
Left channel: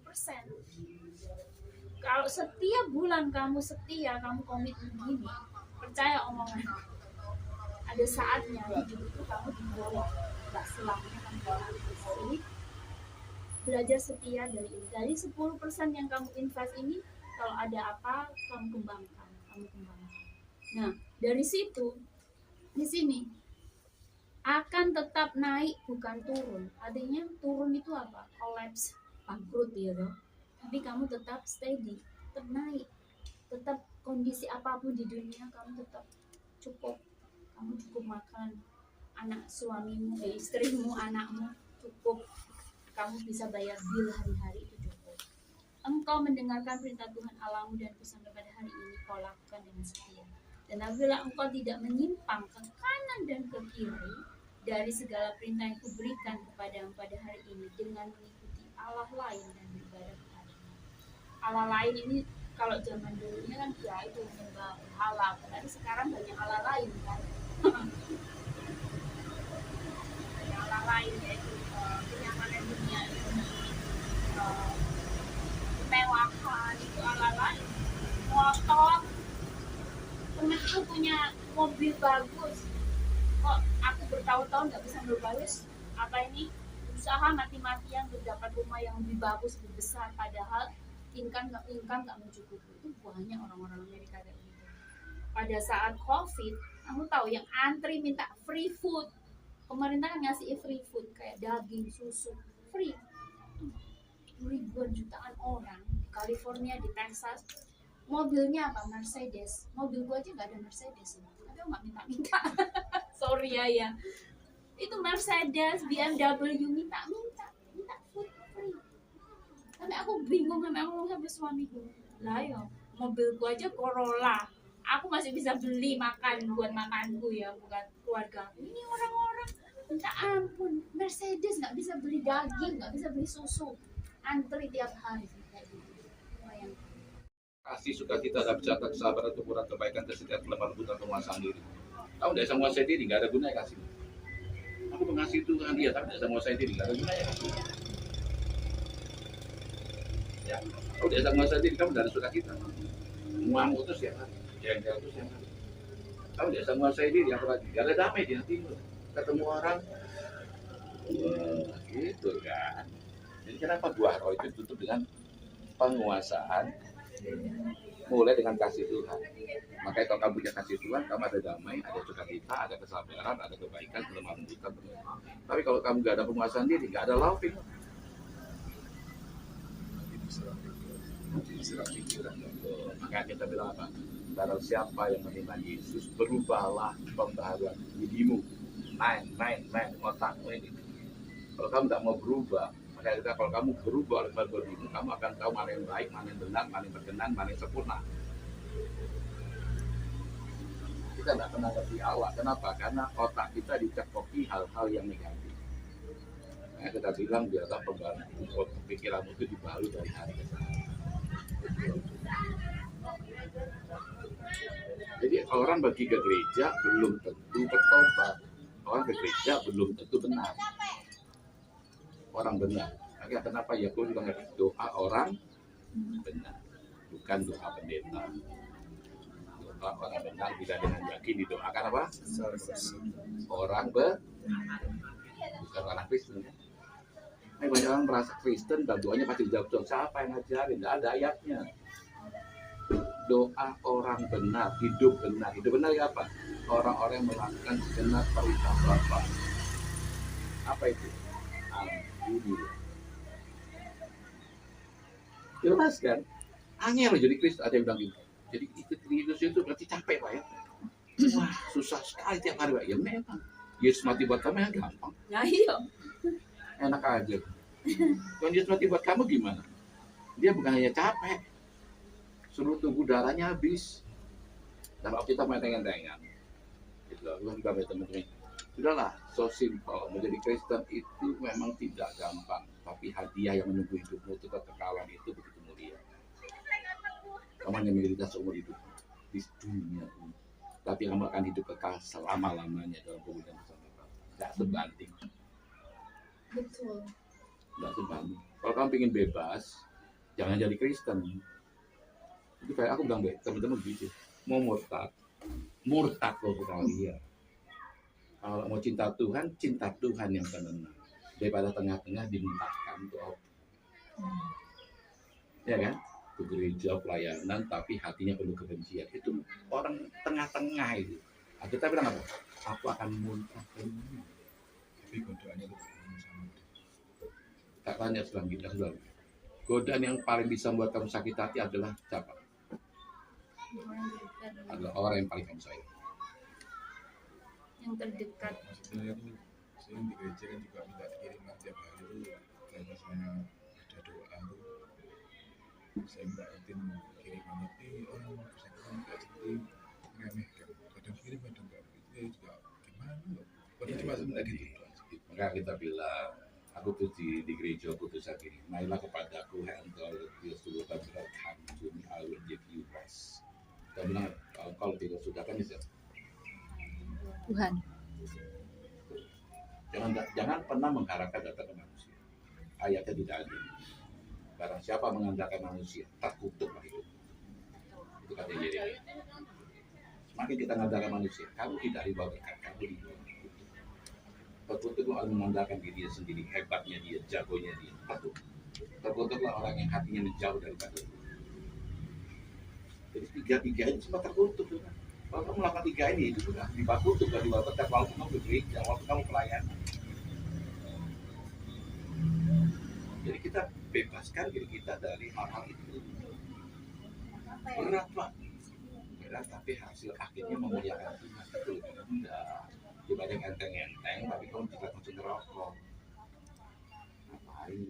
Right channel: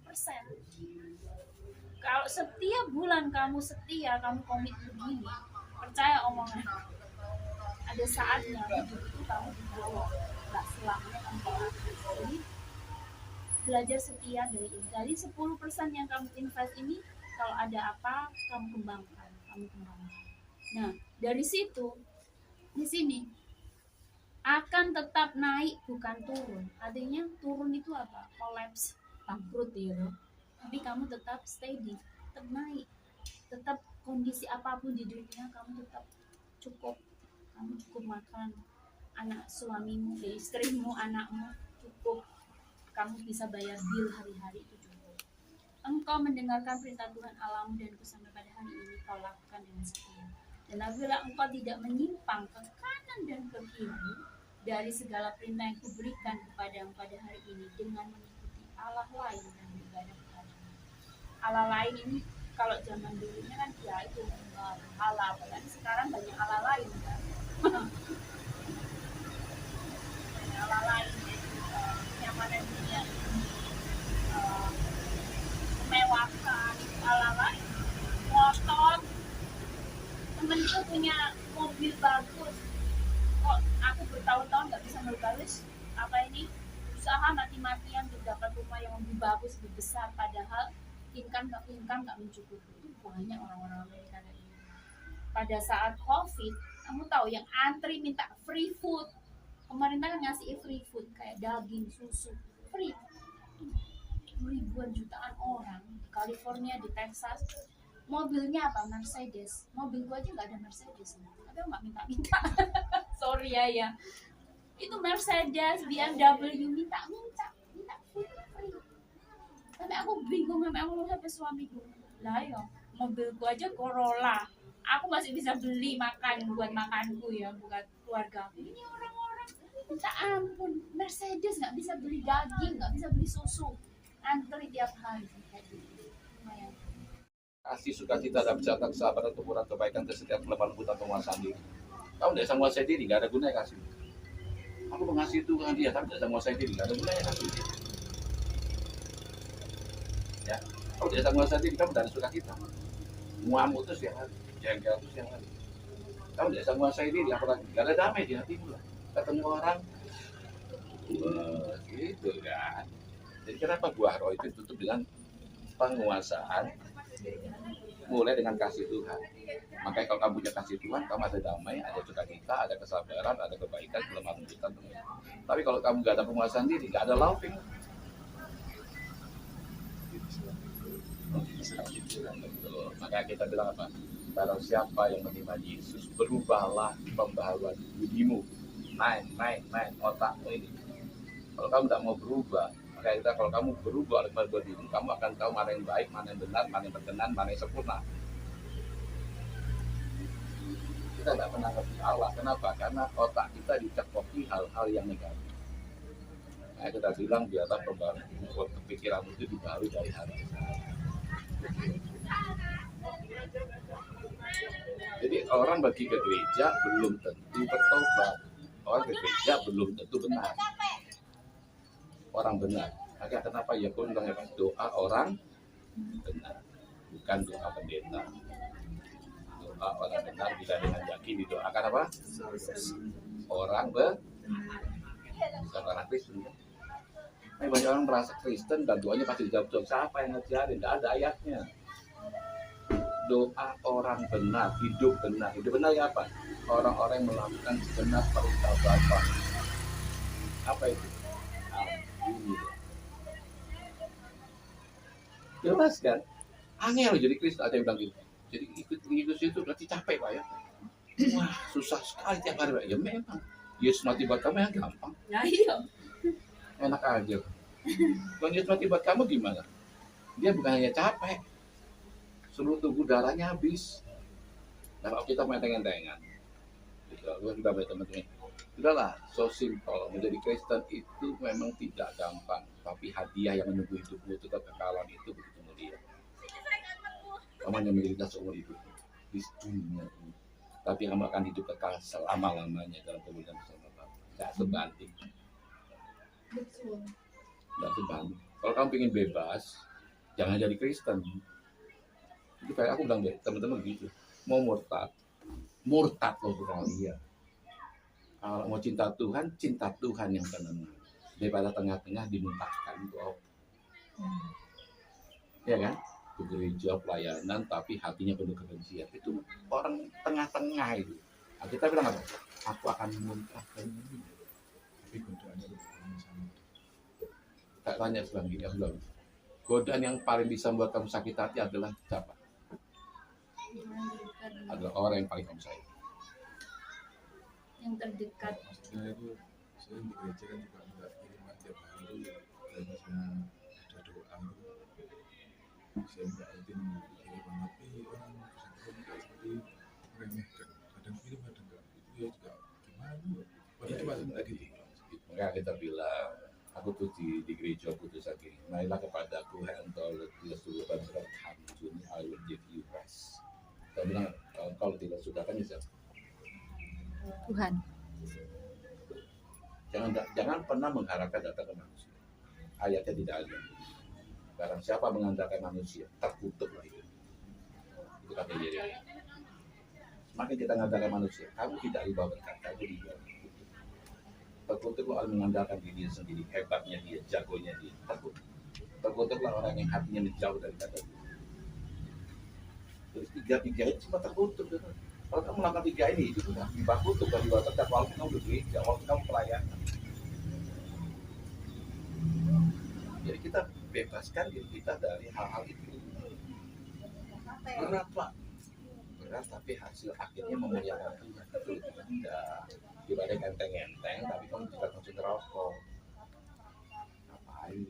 Kalau setiap bulan kamu setia, kamu komit begini, percaya omongan, ada saatnya hidup itu kamu dibawa, nggak selamanya kamu habis. Jadi belajar setia dari 10% yang kamu invest ini, kalau ada apa kamu kembangkan. Nah, dari situ di sini akan akan tetap naik bukan turun. Artinya turun itu apa? Collapse, bangkrut ya loh. Tapi kamu tetap steady, tetap naik, tetap kondisi apapun di dunia kamu tetap cukup. Kamu cukup makan, anak suamimu, istrimu, anakmu cukup. Kamu bisa bayar bil hari-hari itu cukup. Engkau mendengarkan perintah Tuhan Allahmu dan sampai pada hari ini kau lakukan dengan setia. Dan apabila engkau tidak menyimpang ke kanan dan ke kiri dari segala perintah yang kuberikan kepadamu pada hari ini dengan mengikuti Allah lain dan beribadah kepadanya. Allah lain ini kalau zaman dulunya kan ya itu menyembah berhala, tapi sekarang banyak Allah lain kan. Banyak Allah lain yaitu kenyamanan dunia ini, kemewahan itu Allah lain. Motor, temenku punya mobil bagus, kok aku bertahun-tahun nggak bisa ngebalas apa ini usaha mati-matian untuk dapat rumah yang lebih bagus, lebih besar, padahal income nggak mencukupi. Itu banyak orang-orang Amerika kayak gitu. Pada saat COVID, kamu tahu yang antri minta free food, pemerintah kan ngasih free food kayak daging, susu, free. Ribuan jutaan orang di California, di Texas, mobilnya apa? Mercedes. Mobil gua aja nggak ada Mercedes, tapi aku nggak minta-minta. Sorry ya. Itu Mercedes, BMW minta free. Tapi aku bingung, sampai aku ngomong sama suamiku, lah yo, mobil gua aja Corolla, aku masih bisa beli makan buat makanku ya, buat keluarga. Ini orang-orang minta ampun, Mercedes nggak bisa beli daging, nggak bisa beli susu, antri tiap hari. Kasih sukacita dan bercata kesabaran, kemurahan, kebaikan, kesetiaan, kelemahan, lembut, penguasaan diri. Kamu tidak bisa menguasai diri, nggak ada gunanya kasih. Aku mengasihi Tuhan dia, tapi tidak bisa menguasai diri, nggak ada gunanya kasih. Ya, kamu tidak bisa menguasai diri, kamu tidak ada sukacita. Ngamuk itu siang hari, jengkel itu siang hari. Kamu tidak bisa menguasai diri, apalagi nggak ada damai di hatimu lah. Ketemu orang, gitu kan. Jadi kenapa buah roh itu ditutup dengan penguasaan? Mulai dengan kasih Tuhan. Makanya kalau kamu punya kasih Tuhan, kamu ada damai, ada sukacita, ada kesabaran, ada kebaikan, kelemahan kita. Tapi kalau kamu nggak ada penguasaan diri, nggak ada laughing. Makanya kita bilang apa? Barang siapa yang menerima Yesus, berubahlah pembaharuan budimu. Main otakmu ini. Kalau kamu tidak mau berubah, maka kita kalau kamu berubah oleh pembaharuan budimu, kamu akan tahu mana yang baik, mana yang benar, mana yang berkenan, mana yang sempurna. Kita tidak pernah ngerti Allah. Kenapa? Karena otak kita dicekoki hal-hal yang negatif. Nah, kita bilang biarlah pembaharuan pikiranmu itu dibaharui dari hari ke hari. Jadi orang pergi ke gereja belum tentu bertobat. Orang ke gereja belum tentu benar. Orang benar. Maka kenapa ya pun doa orang benar, bukan doa pendeta. Doa orang benar tidak dengan yakin didoakan apa? Orang benar, bukan orang Kristen. Tapi banyak orang merasa Kristen dan doanya pasti dijawab. Siapa yang ngajarin? Tidak ada ayatnya. Doa orang benar, hidup benar. Hidup benar ya apa? Orang-orang yang melakukan segenap perintah Bapa. Apa itu? Ampuni. Jelas kan? Angel jadi Kristen, ada yang bilang gitu. Jadi ikut Yesus itu berarti capek Pak ya. Wah susah sekali tiap hari Pak. Ya memang. Yesus mati buat kami yang gampang. Nah iya. Enak aja. Kalau Yesus mati buat kamu gimana? Dia bukan hanya capek, seluruh tubuh darahnya habis. Dan kalau kita main tengen-tengan, gitu, sudah banyak teman-teman. Sudahlah, so simple. Menjadi Kristen itu memang tidak gampang, tapi hadiah yang menunggu hidupmu itu kekekalan itu begitu mulia. Kamu hanya menderita seumur hidup di dunia ini, tapi kamu akan hidup kekal selama-lamanya dalam kemuliaan bersama Bapa. Tidak sebanding. Betul. Tidak sebanding. Kalau kamu ingin bebas, jangan jadi Kristen. Itu kayak aku bilang teman-teman gitu, mau murtad loh sekali ya. Kalau mau cinta Tuhan yang tenang daripada tengah-tengah dimuntahkan tuh, ya kan? Ke gereja pelayanan tapi hatinya penuh kebencian, itu orang tengah-tengah itu. Nah, kita bilang apa? Aku akan muntahkan ini. tanya sekarang gini, aku bilang, godaan yang paling bisa membuat kamu sakit hati adalah siapa? Adalah orang yang paling kamu sayang. Yang terdekat. Maksudnya itu saya di gereja kan juga minta kiriman tiap hari itu kalau misalnya ada doa itu saya minta rutin kiriman, tapi orang bersangkutan juga seperti meremehkan, kadang kirim kadang enggak, itu ya juga gimana loh, padahal cuma sebentar gitu. Maka kita bilang, aku tuh di gereja aku tuh sakit. Marilah kepadaku, hai engkau letih seluruh berat, hamjuni, I will give you rest. Kita bilang, kalau tidak sudah kan ya Tuhan. Jangan pernah mengharapkan datang ke manusia. Ayatnya tidak ada. Barang siapa mengandalkan manusia, terkutuklah hidup. Itu kata Yeremia. Semakin kita mengandalkan manusia, kamu tidak riba berkat, kamu riba kutuk. Terkutuklah orang mengandalkan diri dia sendiri, hebatnya dia, jagonya dia. Terkutuklah orang yang hatinya menjauh daripada Tuhan. Jadi tiga-tiga ini semua terkutuk. Kalau kamu melakukan tiga ini, itu sudah dibakutuk dari waktu walaupun kamu bergereja, walaupun kamu pelayanan. Jadi kita bebaskan diri kita dari hal-hal itu. Berat Pak, berat tapi hasil akhirnya memuliakan Tuhan. Itu lebih rendah. Dibanding enteng-enteng, tapi kamu tidak konsumsi rokok. Ngapain?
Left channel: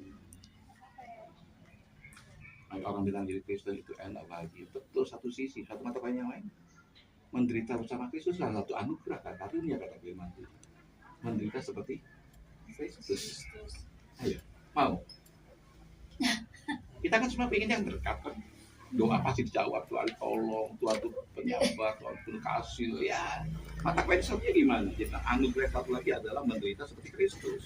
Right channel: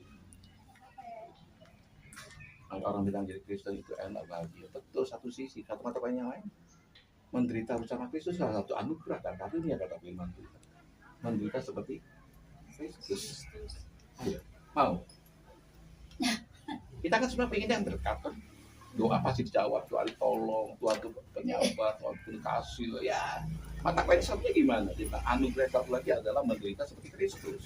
Orang bilang jadi Kristen itu enak bahagia. Betul satu sisi, satu mata lain yang lain. Menderita bersama Kristus salah satu anugerah dan karunia kata firman Tuhan. Menderita seperti Kristus. Ayo, mau? Kita kan semua pengen yang dekat kan. Doa pasti dijawab, Tuhan tolong, Tuhan itu penyabar, Tuhan pun kasih. Ya, mata konsepnya gimana? Kita anugerah satu lagi adalah menderita seperti Kristus.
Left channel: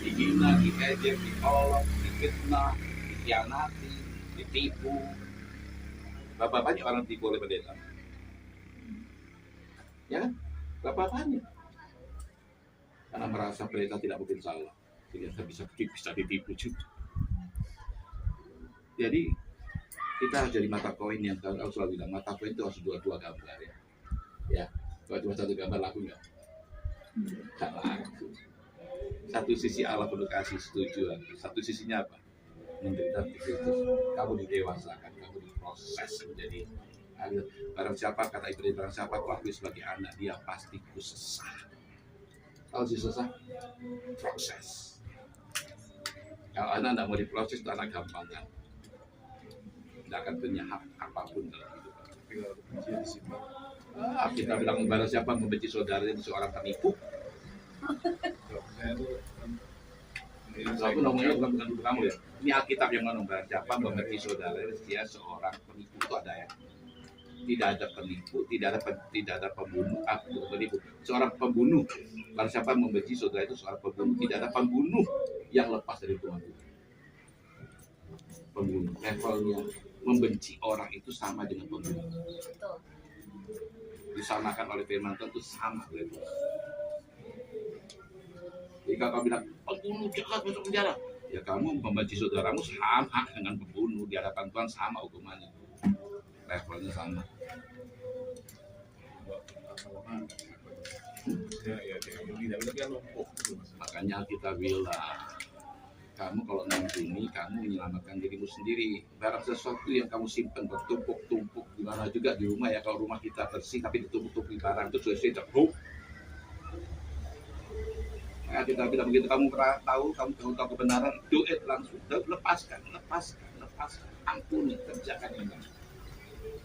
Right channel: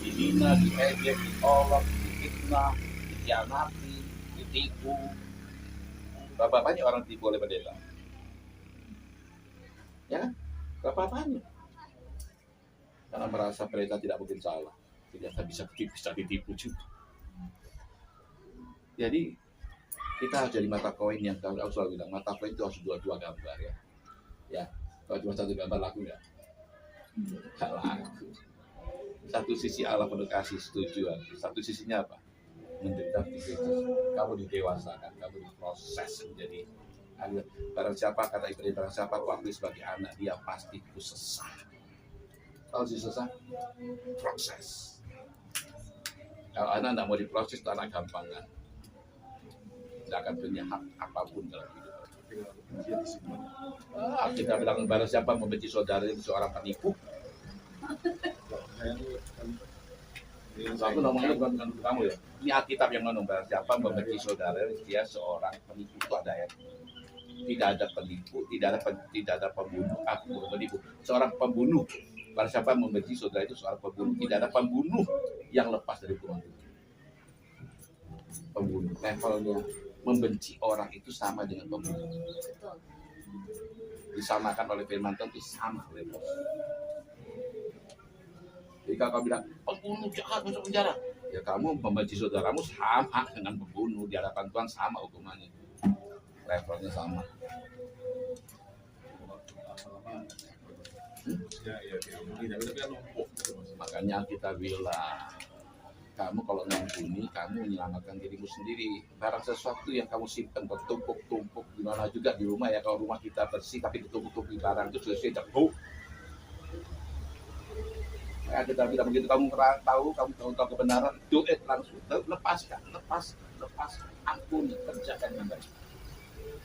Dihina, diejek, diolok, difitnah, dikhianati, ditipu. Berapa banyak orang ditipu oleh pendeta? Ya, berapa banyak? Karena merasa pendeta tidak mungkin salah, ternyata bisa ditipu juga. Jadi kita harus jadi mata koin yang aku selalu bilang, mata koin itu harus dua gambar ya. Ya, kalau cuma satu gambar laku nggak? Nggak laku. Satu sisi Allah penuh kasih setuju, satu sisinya apa? Menderita di Kristus, kamu didewasakan, kamu diproses menjadi anak. Barang siapa kata Ibrani, barang siapa kuakui sebagai anak, dia pasti kusesah. Kalau si sesah, proses. Kalau anak tidak mau diproses, itu anak gampangan. Tidak akan punya hak apapun dalam hidup. Tapi kalau kebencian disimpan, Kita bilang barang siapa membenci saudaranya seorang penipu. kalau saya tuh kan Aku ngomongnya bukan dulu kamu ya. Ini Alkitab yang ngomong, barang siapa membenci saudara dia seorang penipu. Itu ada ayat. Tidak ada penipu, tidak ada pembunuh. Bukan penipu, seorang pembunuh. Barang siapa membenci saudara itu seorang pembunuh. Tidak ada pembunuh yang lepas dari Tuhan. Pembunuh levelnya membenci orang itu sama dengan pembunuh. Betul. Disamakan oleh firman Tuhan itu sama level. Jadi kalau kamu bilang pembunuh jahat masuk penjara, ya kamu membenci saudaramu sama dengan pembunuh, di hadapan Tuhan sama hukumannya, levelnya sama. lama-lama maksudnya ya diampuni, tapi kan lumpuh gitu Mas. Makanya kita bilang, kamu kalau mengampuni, kamu menyelamatkan dirimu sendiri. Barang sesuatu yang kamu simpan bertumpuk-tumpuk di mana juga di rumah ya, kalau rumah kita bersih tapi ditumpuk-tumpuk barang itu sesuai debu. Ya, kita bilang begitu, kamu tahu kebenaran, do it langsung, lepaskan, ampuni, kerjakan yang baik.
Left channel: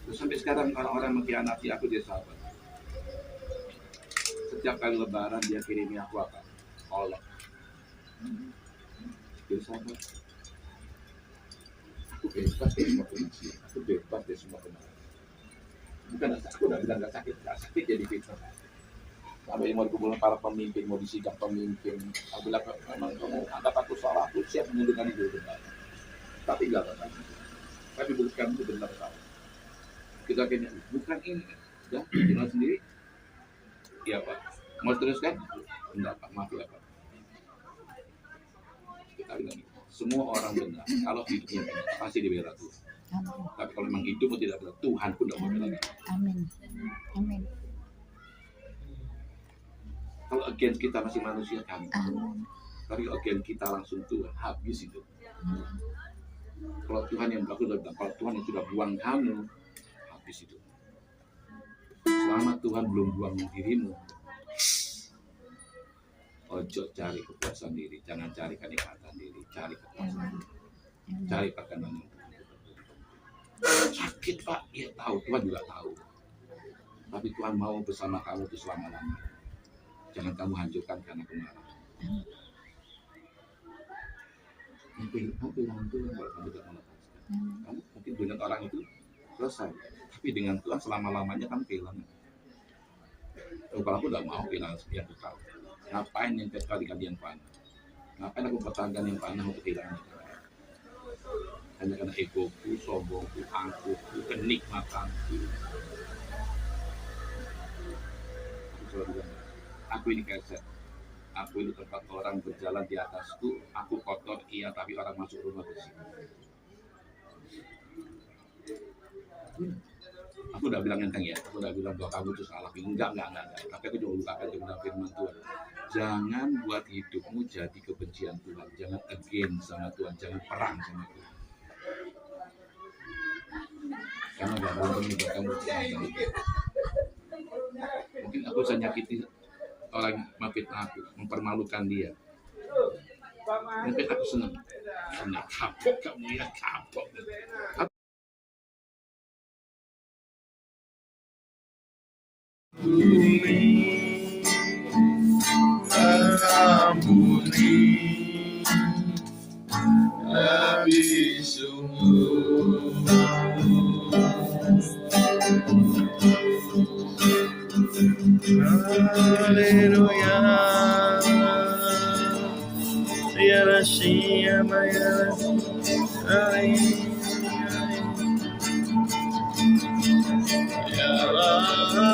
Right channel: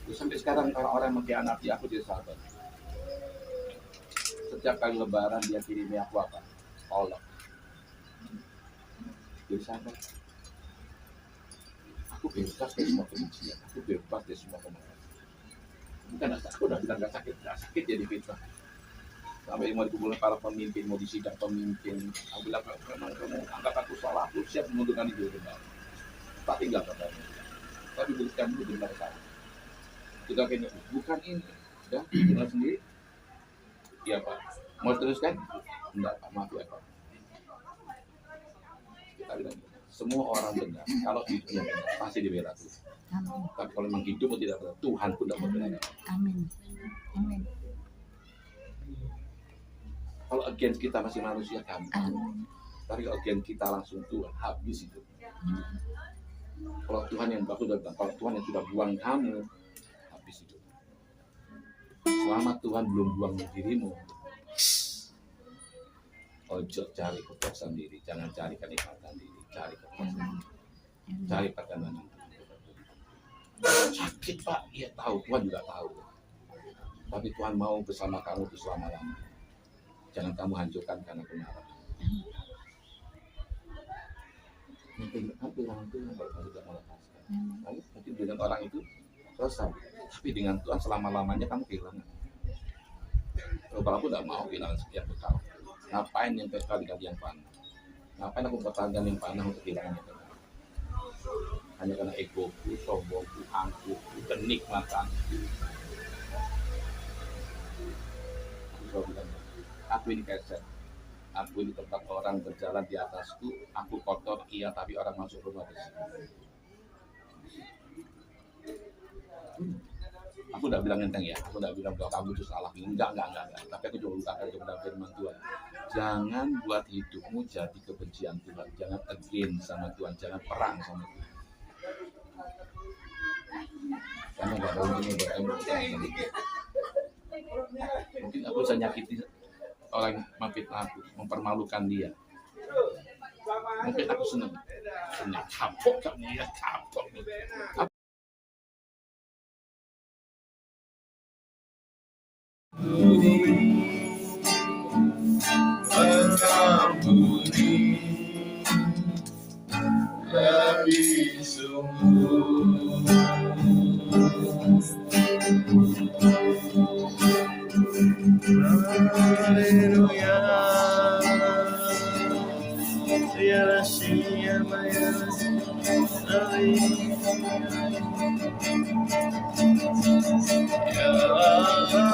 Terus sampai sekarang orang-orang mengkhianati aku, dia sahabat. Setiap kali lebaran dia kirimi aku apa? Olok. Jadi sahabat. Aku bebas dari semua kebencian, aku bebas dari semua kemarahan. Bukan aku udah bilang gak sakit jadi fitnah. Sampai mau dikumpulkan para pemimpin, mau disidang pemimpin. Aku bilang, memang kamu anggap aku salah, aku siap mengundurkan diri kembali. Tak tinggal kata. Tapi buktikan dulu benar salah. Kita kayaknya bukan ini, ya, tinggal sendiri. Iya Pak. Mau teruskan? Enggak Pak, maaf ya Pak. Kita bilang gitu. Semua orang benar. Kalau hidupnya benar, pasti dibela Tuhan. Amin. Tapi kalau memang hidupmu tidak benar, Tuhan pun tidak mau bela. Amin. Amin. Kalau against kita masih manusia, kamu. Amin. Tapi kalau kita langsung Tuhan, habis itu. Kalau Tuhan yang aku udah bilang, kalau Tuhan yang sudah buang kamu, habis itu. Selama Tuhan belum buang dirimu, ojo cari kepuasan diri, jangan cari kenikmatan diri, cari kepuasan diri, cari perkenanan. Sakit Pak, ya tahu, Tuhan juga tahu. Tapi Tuhan mau bersama kamu itu selama-lamanya. Jangan kamu hancurkan karena kemarahan. Kehilangan Tuhan kalau kamu tidak melepaskan. Kamu mungkin dengan orang itu selesai, tapi dengan Tuhan selama-lamanya kamu kehilangan. Kalau aku tidak mau kehilangan yang kekal. Ngapain yang kekal dikali yang panah? Ngapain aku pertahankan yang panah untuk kehilangan yang kekal? Hanya karena egoku, sombongku, angkuhku, kenikmatanku. Aku selalu bilang, aku ini keset. Aku ini tempat orang berjalan di atasku. Aku kotor, iya, tapi orang masuk rumah bersih. Aku udah bilang enteng ya. Aku udah bilang bahwa kamu itu salah. Enggak. Tapi aku juga bukakan kebenaran firman Tuhan. Jangan buat hidupmu jadi kebencian Tuhan. Jangan against sama Tuhan. Jangan perang sama Tuhan. Karena gak ada untungnya buat kamu. Mungkin aku bisa nyakiti orang memfitnah aku, mempermalukan dia. Mungkin aku senang. Kapok kamu ya, kapok. Mengampuni lebih sungguh. Haleluya. Ya Shiyama ya Ya Allah.